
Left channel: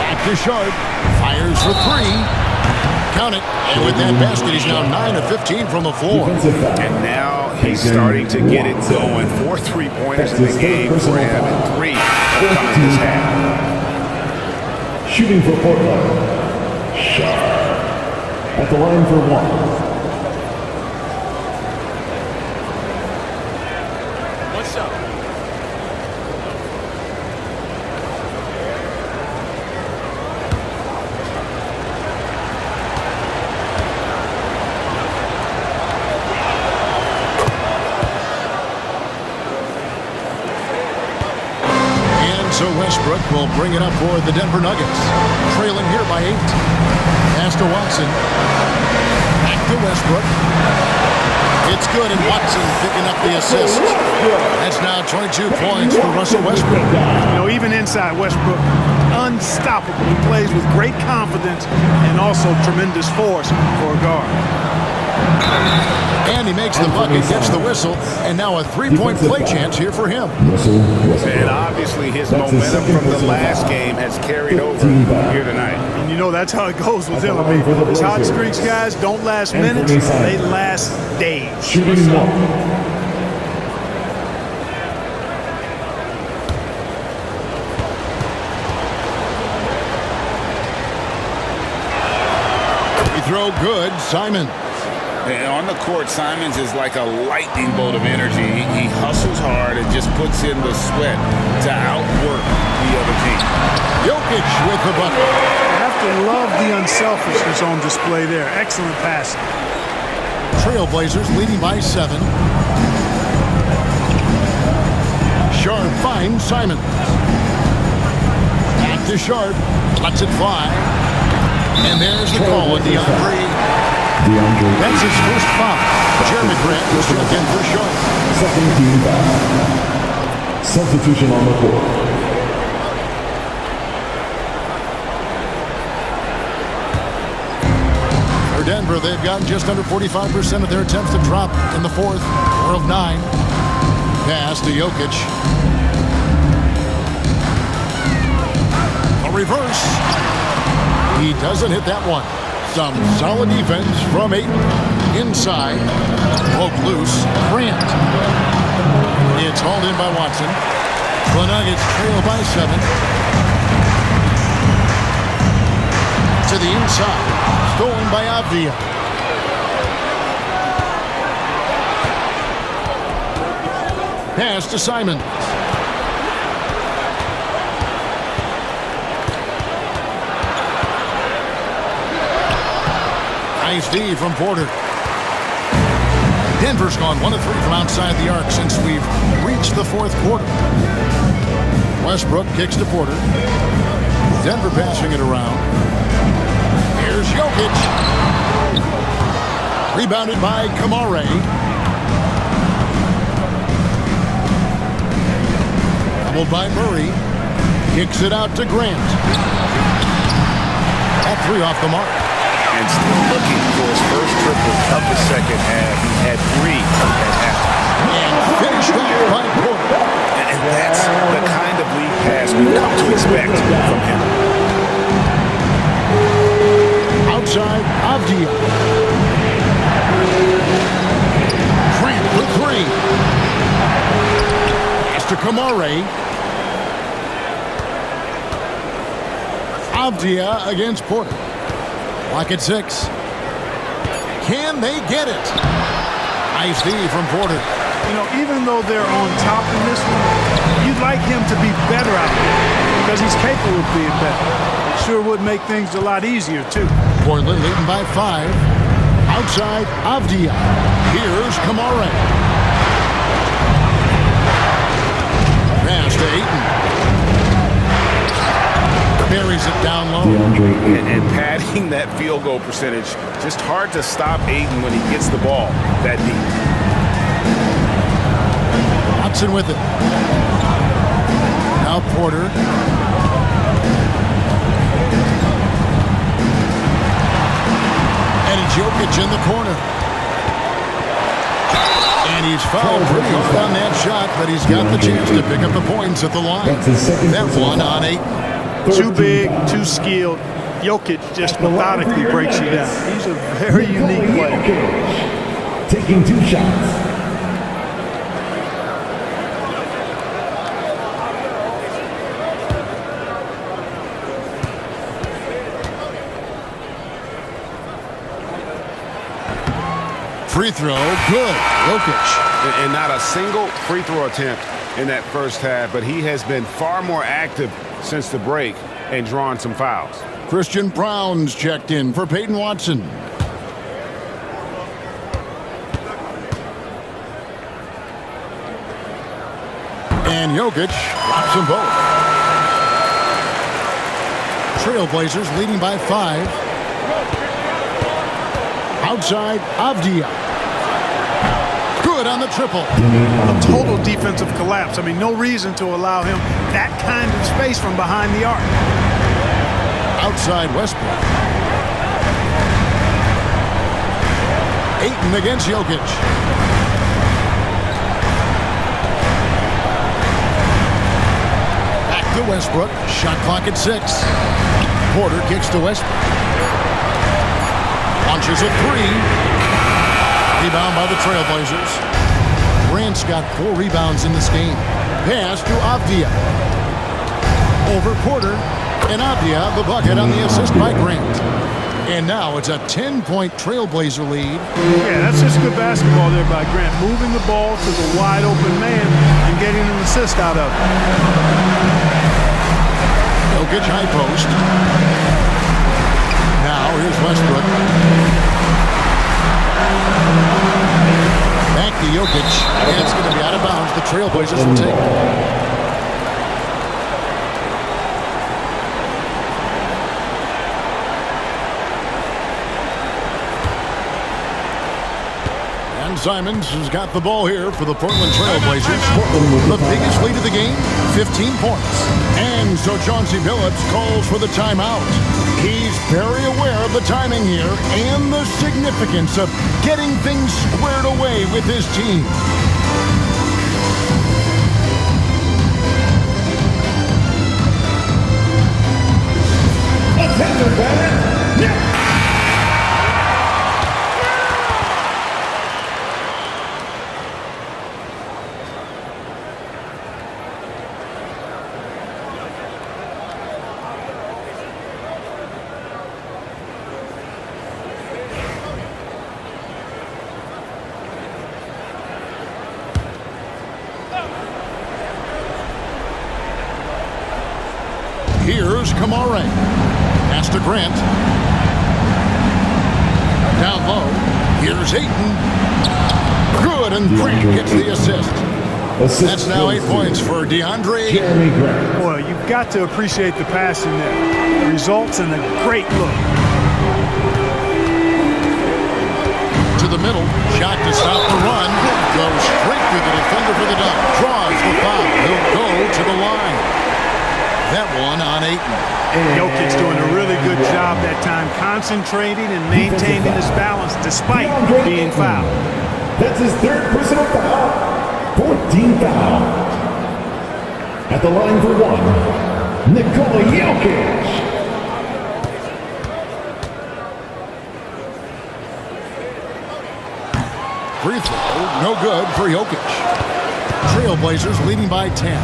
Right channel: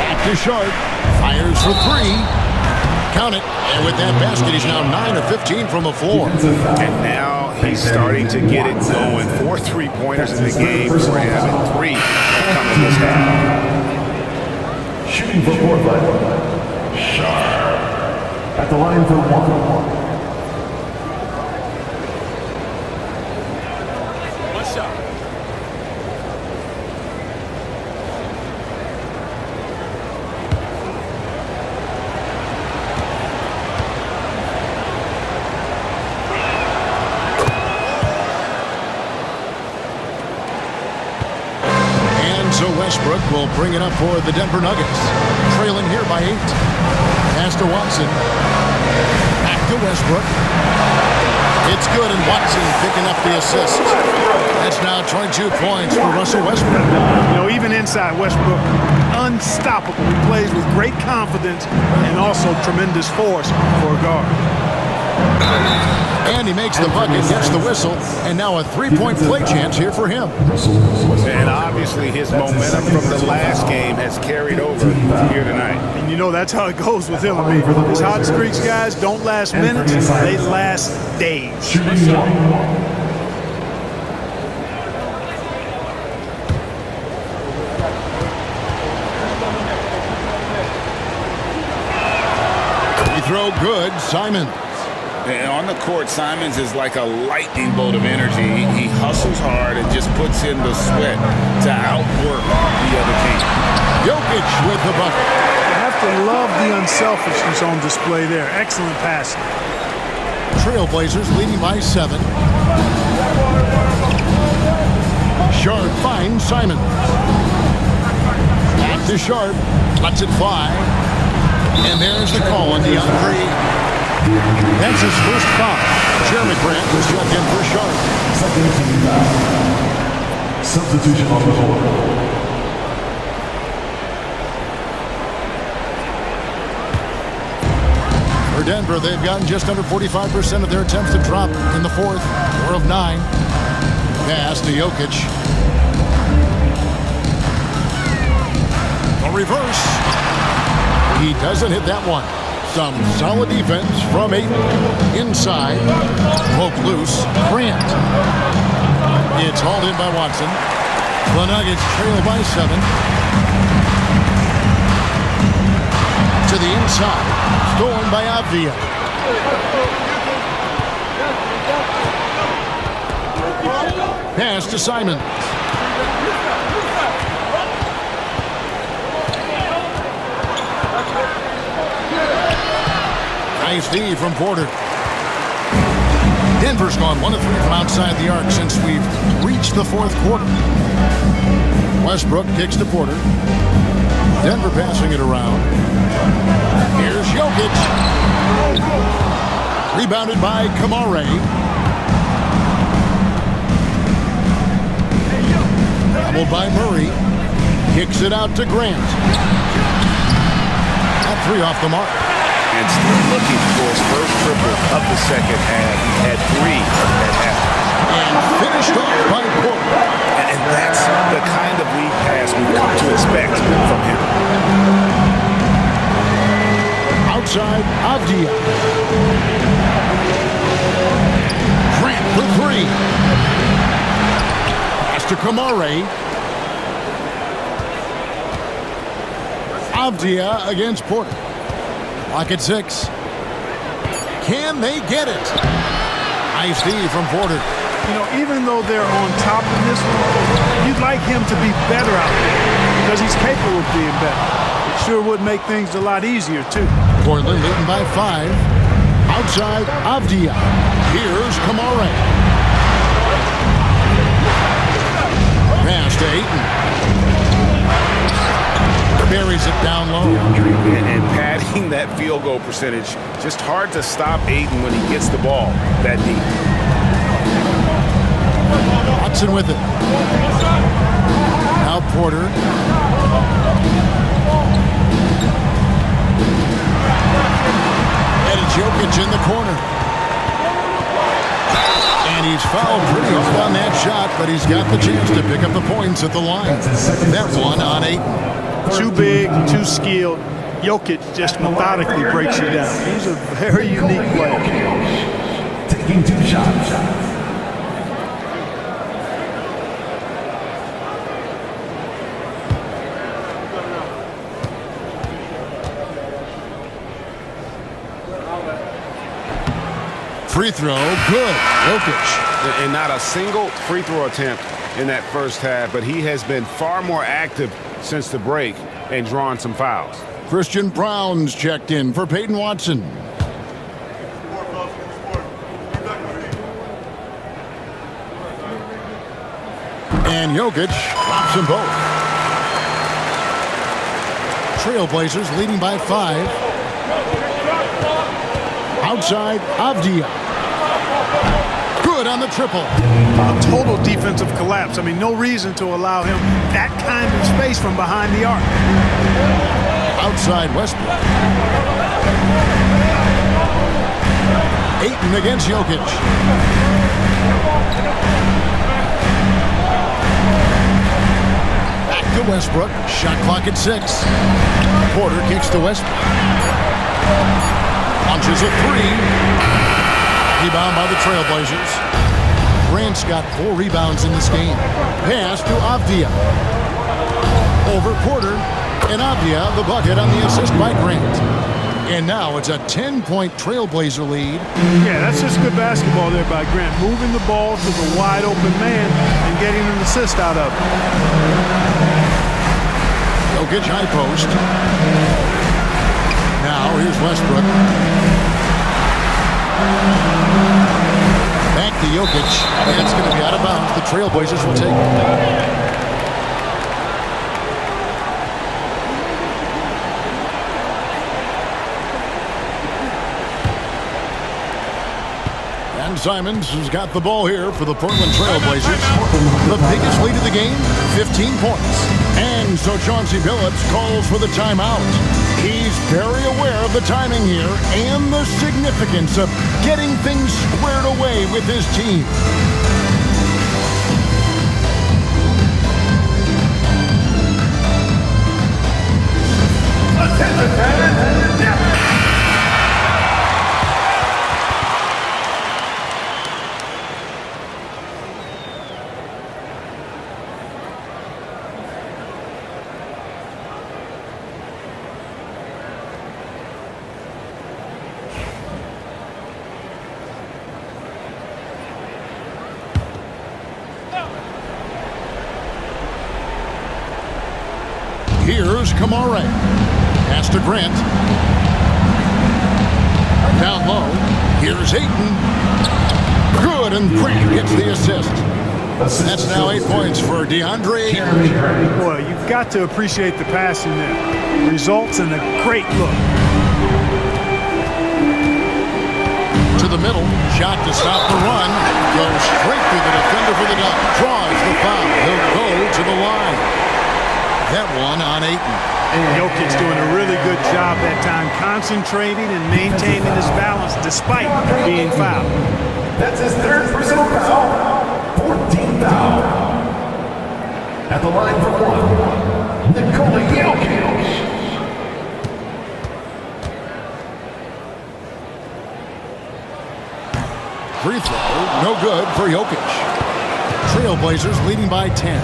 Back to Sharp. Fires for 3. Count it. And with that basket, he's now 9 of 15 from the floor. And now he's starting to get it going. 4 3-pointers in the game for him, and 3 have come in this half. Shooting for Portland. Sharp. At the line for 1. 1 shot. So Westbrook will bring it up for the Denver Nuggets. Trailing here by 8. Pass to Watson. Back to Westbrook. It's good, and Watson picking up the assist. That's now 22 points for Russell Westbrook. You know, even inside, Westbrook, unstoppable. He plays with great confidence and also tremendous force for a guard. And he makes the bucket, gets the whistle, and now a three-point play chance here for him. And obviously his momentum from the last game has carried over here tonight. And you know that's how it goes with him. I mean, his hot streaks, guys, don't last minutes, they last days. Throw good, Simons. And on the court, Simons is like a lightning bolt of energy. He hustles hard and just puts in the sweat to outwork the other team. Jokic with the bucket. You have to love the unselfishness on display there. Excellent pass. Trailblazers leading by 7. Sharp finds Simons. Back to Sharp. Lets it fly. And there's the call on DeAndre. That's his first foul. Jeremy Grant was checked in for Sharp. Second team foul. Substitution on the floor. For Denver, they've gotten just under 45% of their attempts to drop in the fourth. 4 of 9. Pass to Jokic. A reverse. He doesn't hit that one. Some solid defense from 8. Inside. Poke loose. Grant. It's hauled in by Watson. The Nuggets trail by 7. To the inside. Stolen by Avdia. Pass to Simons. Nice D from Porter. Denver's gone 1 of 3 from outside the arc since we've reached the fourth quarter. Westbrook kicks to Porter. Denver passing it around. Here's Jokic. Rebounded by Kamare. Doubled by Murray. Kicks it out to Grant. That 3 off the mark. And still looking for his first triple of the second half. He had 3 at halftime. And finished off by Porter. And that's the kind of lead pass we've come to expect from him. Outside, Avdia. Grant for 3. Pass to Kamare. Avdia against Porter. Clock at 6. Can they get it? Nice D from Porter. You know, even though they're on top in this one, you'd like him to be better out there because he's capable of being better. It sure would make things a lot easier, too. Portland leading by 5. Outside, Avdia. Here's Kamare. Pass to Ayton. Buries it down low. And padding that field goal percentage, just hard to stop Ayton when he gets the ball that deep. Watson with it. Now Porter. And it's Jokic in the corner. And he's fouled pretty hard on that shot, but he's got the chance to pick up the points at the line. That one on Ayton. Too big, too skilled. Jokic just methodically breaks you down. He's a very unique player. Taking 2 shots. Free throw, good. Jokic. And not a single free throw attempt in that first half, but he has been far more active since the break and drawn some fouls. Christian Brown's checked in for Peyton Watson. And Jokic drops them both. Trailblazers leading by 5. Outside, Avdia. Good on the triple. A total defensive collapse. I mean, no reason to allow him that kind of space from behind the arc. Outside Westbrook. Ayton against Jokic. Back to Westbrook. Shot clock at 6. Porter kicks to Westbrook. Launches a 3. Rebound by the Trailblazers. Grant's got 4 rebounds in this game. Pass to Avdia. Over Porter. And Avdia, the bucket on the assist by Grant. And now it's a 10-point Trailblazer lead. Yeah, that's just good basketball there by Grant. Moving the ball to the wide open man and getting an assist out of it. Jokic high post. Now here's Westbrook. Back to Jokic. And it's going to be out of bounds. The Trailblazers will take it. And Simons has got the ball here for the Portland Trailblazers. The biggest lead of the game, 15 points. And so Chauncey Billups calls for the timeout. He's very aware of the timing here and the significance of getting things squared away with his team. Attention fans, now. Here's Kamare. Pass to Grant. Down low. Here's Ayton. Good, and Grant gets the assist. That's now 8 points for DeAndre Ayton. Boy, you've got to appreciate the passing there. Results in a great look. To the middle. Shot to stop the run. Goes straight through the defender for the dunk. Draws the foul. He'll go to the line. That one on Ayton. Jokic's doing a really good job that time, concentrating and maintaining his balance despite being fouled. That's his 3rd personal foul. 14th foul. At the line for 1, Nikola Jokic. Free throw, no good for Jokic. Trailblazers leading by 10.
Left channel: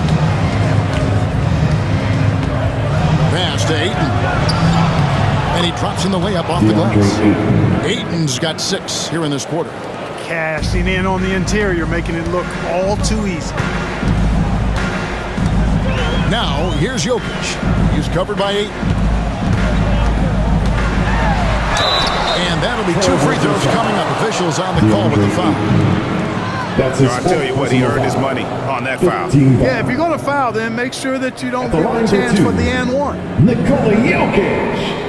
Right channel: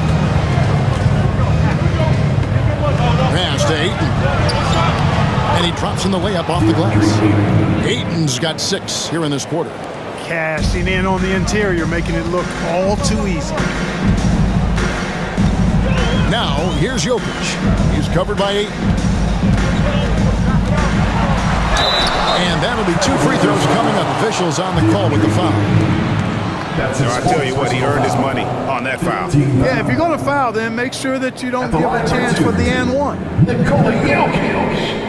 Pass to Ayton. And he drops in the layup off the glass. Ayton's got 6 here in this quarter. Cashing in on the interior, making it look all too easy. Now, here's Jokic. He's covered by Ayton. And that'll be 2 free throws coming up. Officials on the call with the foul. I tell you what, he earned his money on that foul. Yeah, if you're going to foul, then make sure that you don't give a chance for the and one. Nikola Jokic.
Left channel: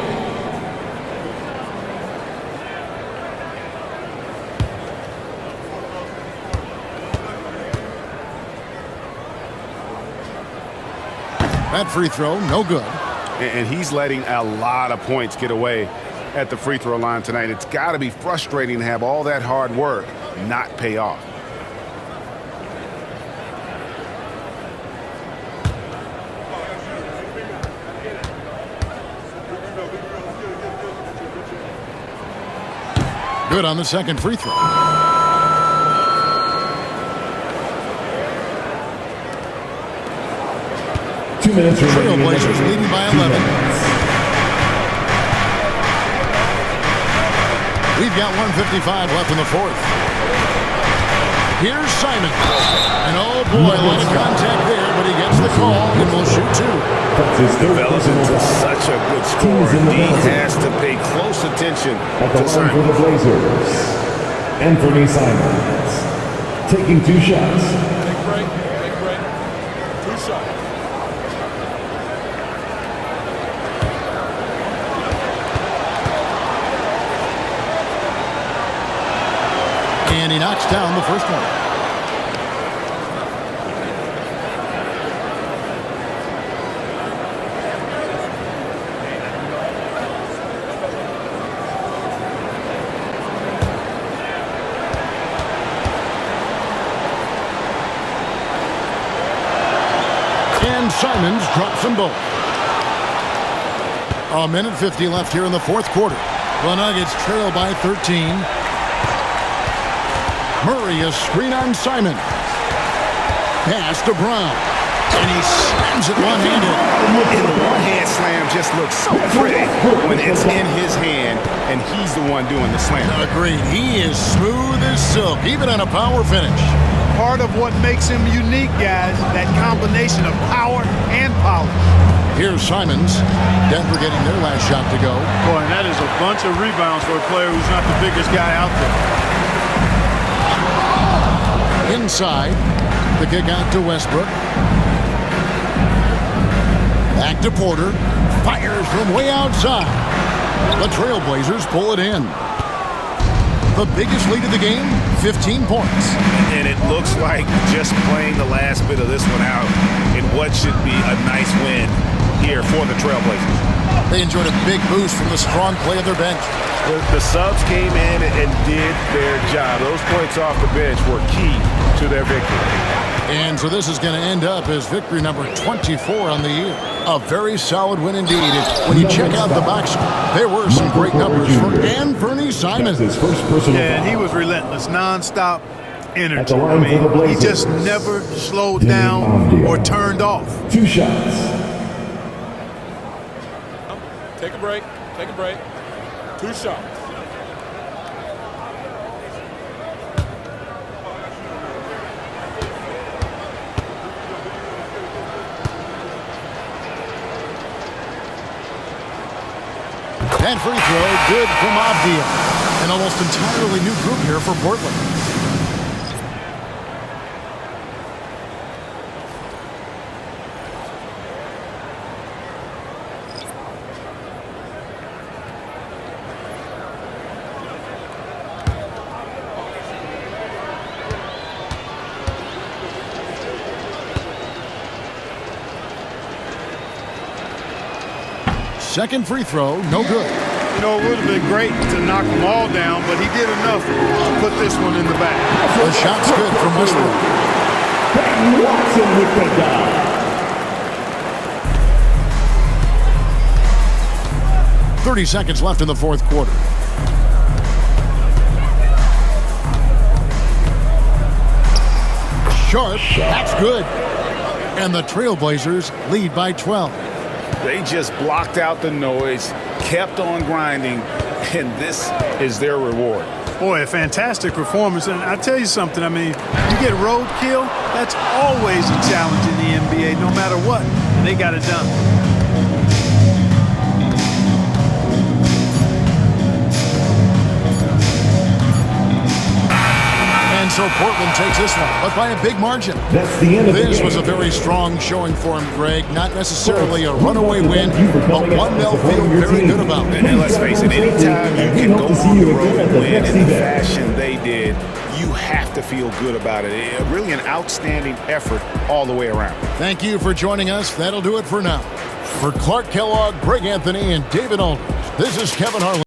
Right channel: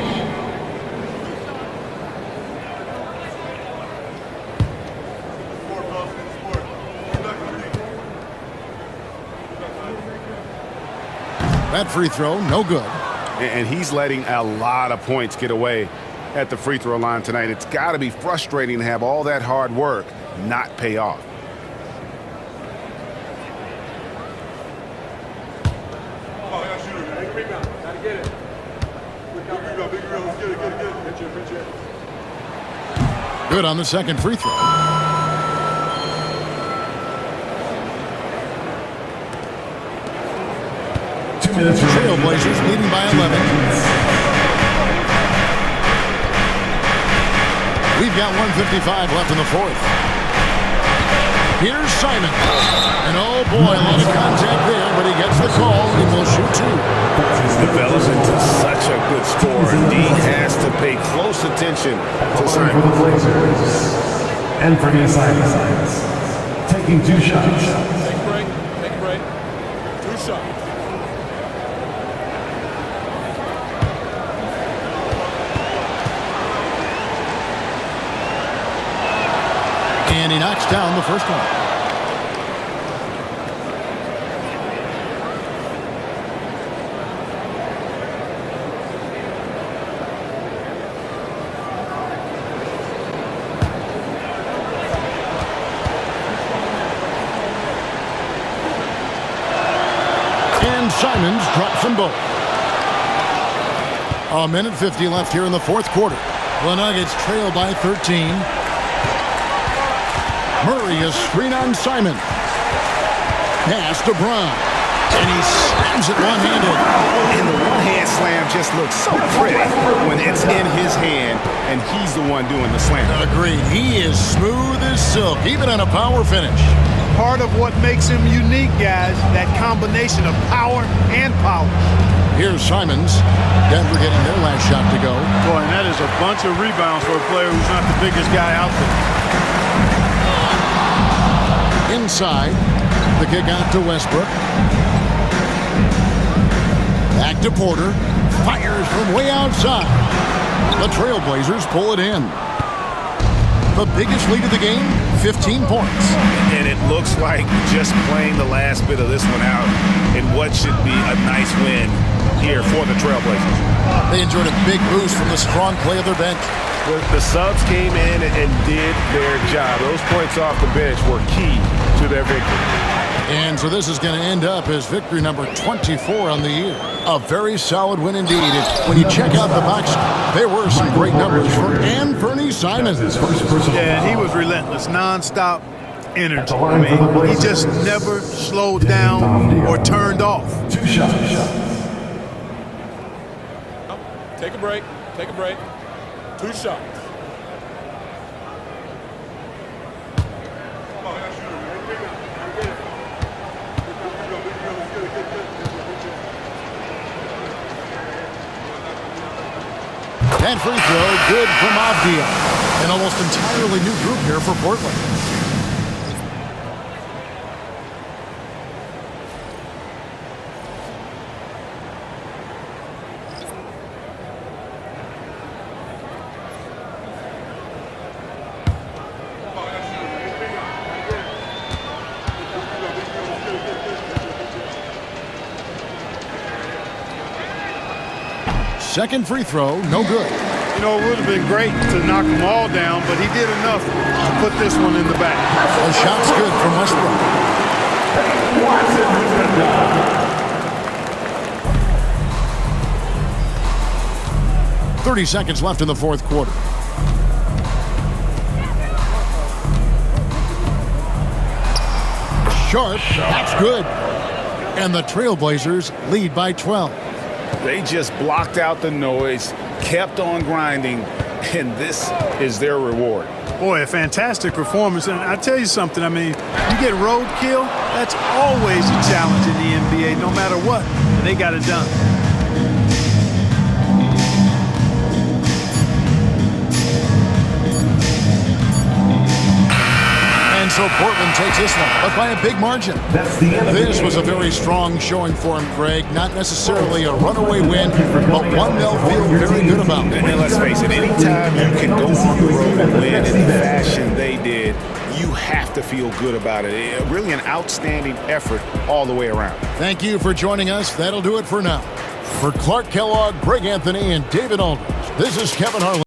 That free throw, no good. And he's letting a lot of points get away at the free throw line tonight. It's got to be frustrating to have all that hard work not pay off. Good on the second free throw. Trailblazers leading by 11. We've got 1:55 left in the 4th. Here's Simon. And oh boy, a lot of contact there, but he gets the call and will shoot 2. He's developed into such a good scorer. D has to pay close attention to Simon. For the Blazers, Anthony Simons taking 2 shots. Take a break. Take a break. 2 shots. And he knocks down the first one. Simons drops them both. A minute 50 left here in the fourth quarter. The Nuggets trail by 13. Murray is screen on Simons. Pass to Brown. And he slams it one-handed. And the one-hand slam just looks so pretty when it's in his hand and he's the one doing the slam. Agreed. He is smooth as silk, even on a power finish. Part of what makes him unique, guys, that combination of power and polish. Here's Simons. Denver getting their last shot to go. Boy, and that is a bunch of rebounds for a player who's not the biggest guy out there. Inside. The kick out to Westbrook. Back to Porter. Fires from way outside. The Trailblazers pull it in. The biggest lead of the game, 15 points. And it looks like just playing the last bit of this one out in what should be a nice win here for the Trailblazers. They enjoyed a big boost from the strong play of their bench. The subs came in and did their job. Those points off the bench were key to their victory. And so this is going to end up as victory number 24 on the year. A very solid win indeed. And when you check out the box, there were some great numbers for Anfernee Simons. Yeah, and he was relentless, nonstop energy. I mean, he just never slowed down or turned off. 2 shots. Take a break. Take a break. 2 shots. That free throw, good from Avdia. An almost entirely new group here for Portland. Second free throw, no good. You know, it would have been great to knock them all down, but he did enough to put this one in the bag. The shot's good from Westbrook. Watson with the dunk. 30 seconds left in the fourth quarter. Sharp, that's good. And the Trailblazers lead by 12. They just blocked out the noise, kept on grinding, and this is their reward. Boy, a fantastic performance. And I tell you something, I mean, you get roadkill, that's always a challenge in the NBA, no matter what. And they got it done. And so Portland takes this one, but by a big margin. That's the end of This was a very strong showing for him, Greg. Not necessarily a runaway win, but one they'll feel very good about. And let's face it, anytime you can go on the road and win in the fashion they did, you have to feel good about it. Really an outstanding effort all the way around. Thank you for joining us. That'll do it for now. For Clark Kellogg, Greg Anthony, and David Aldridge, this is Kevin Harlan.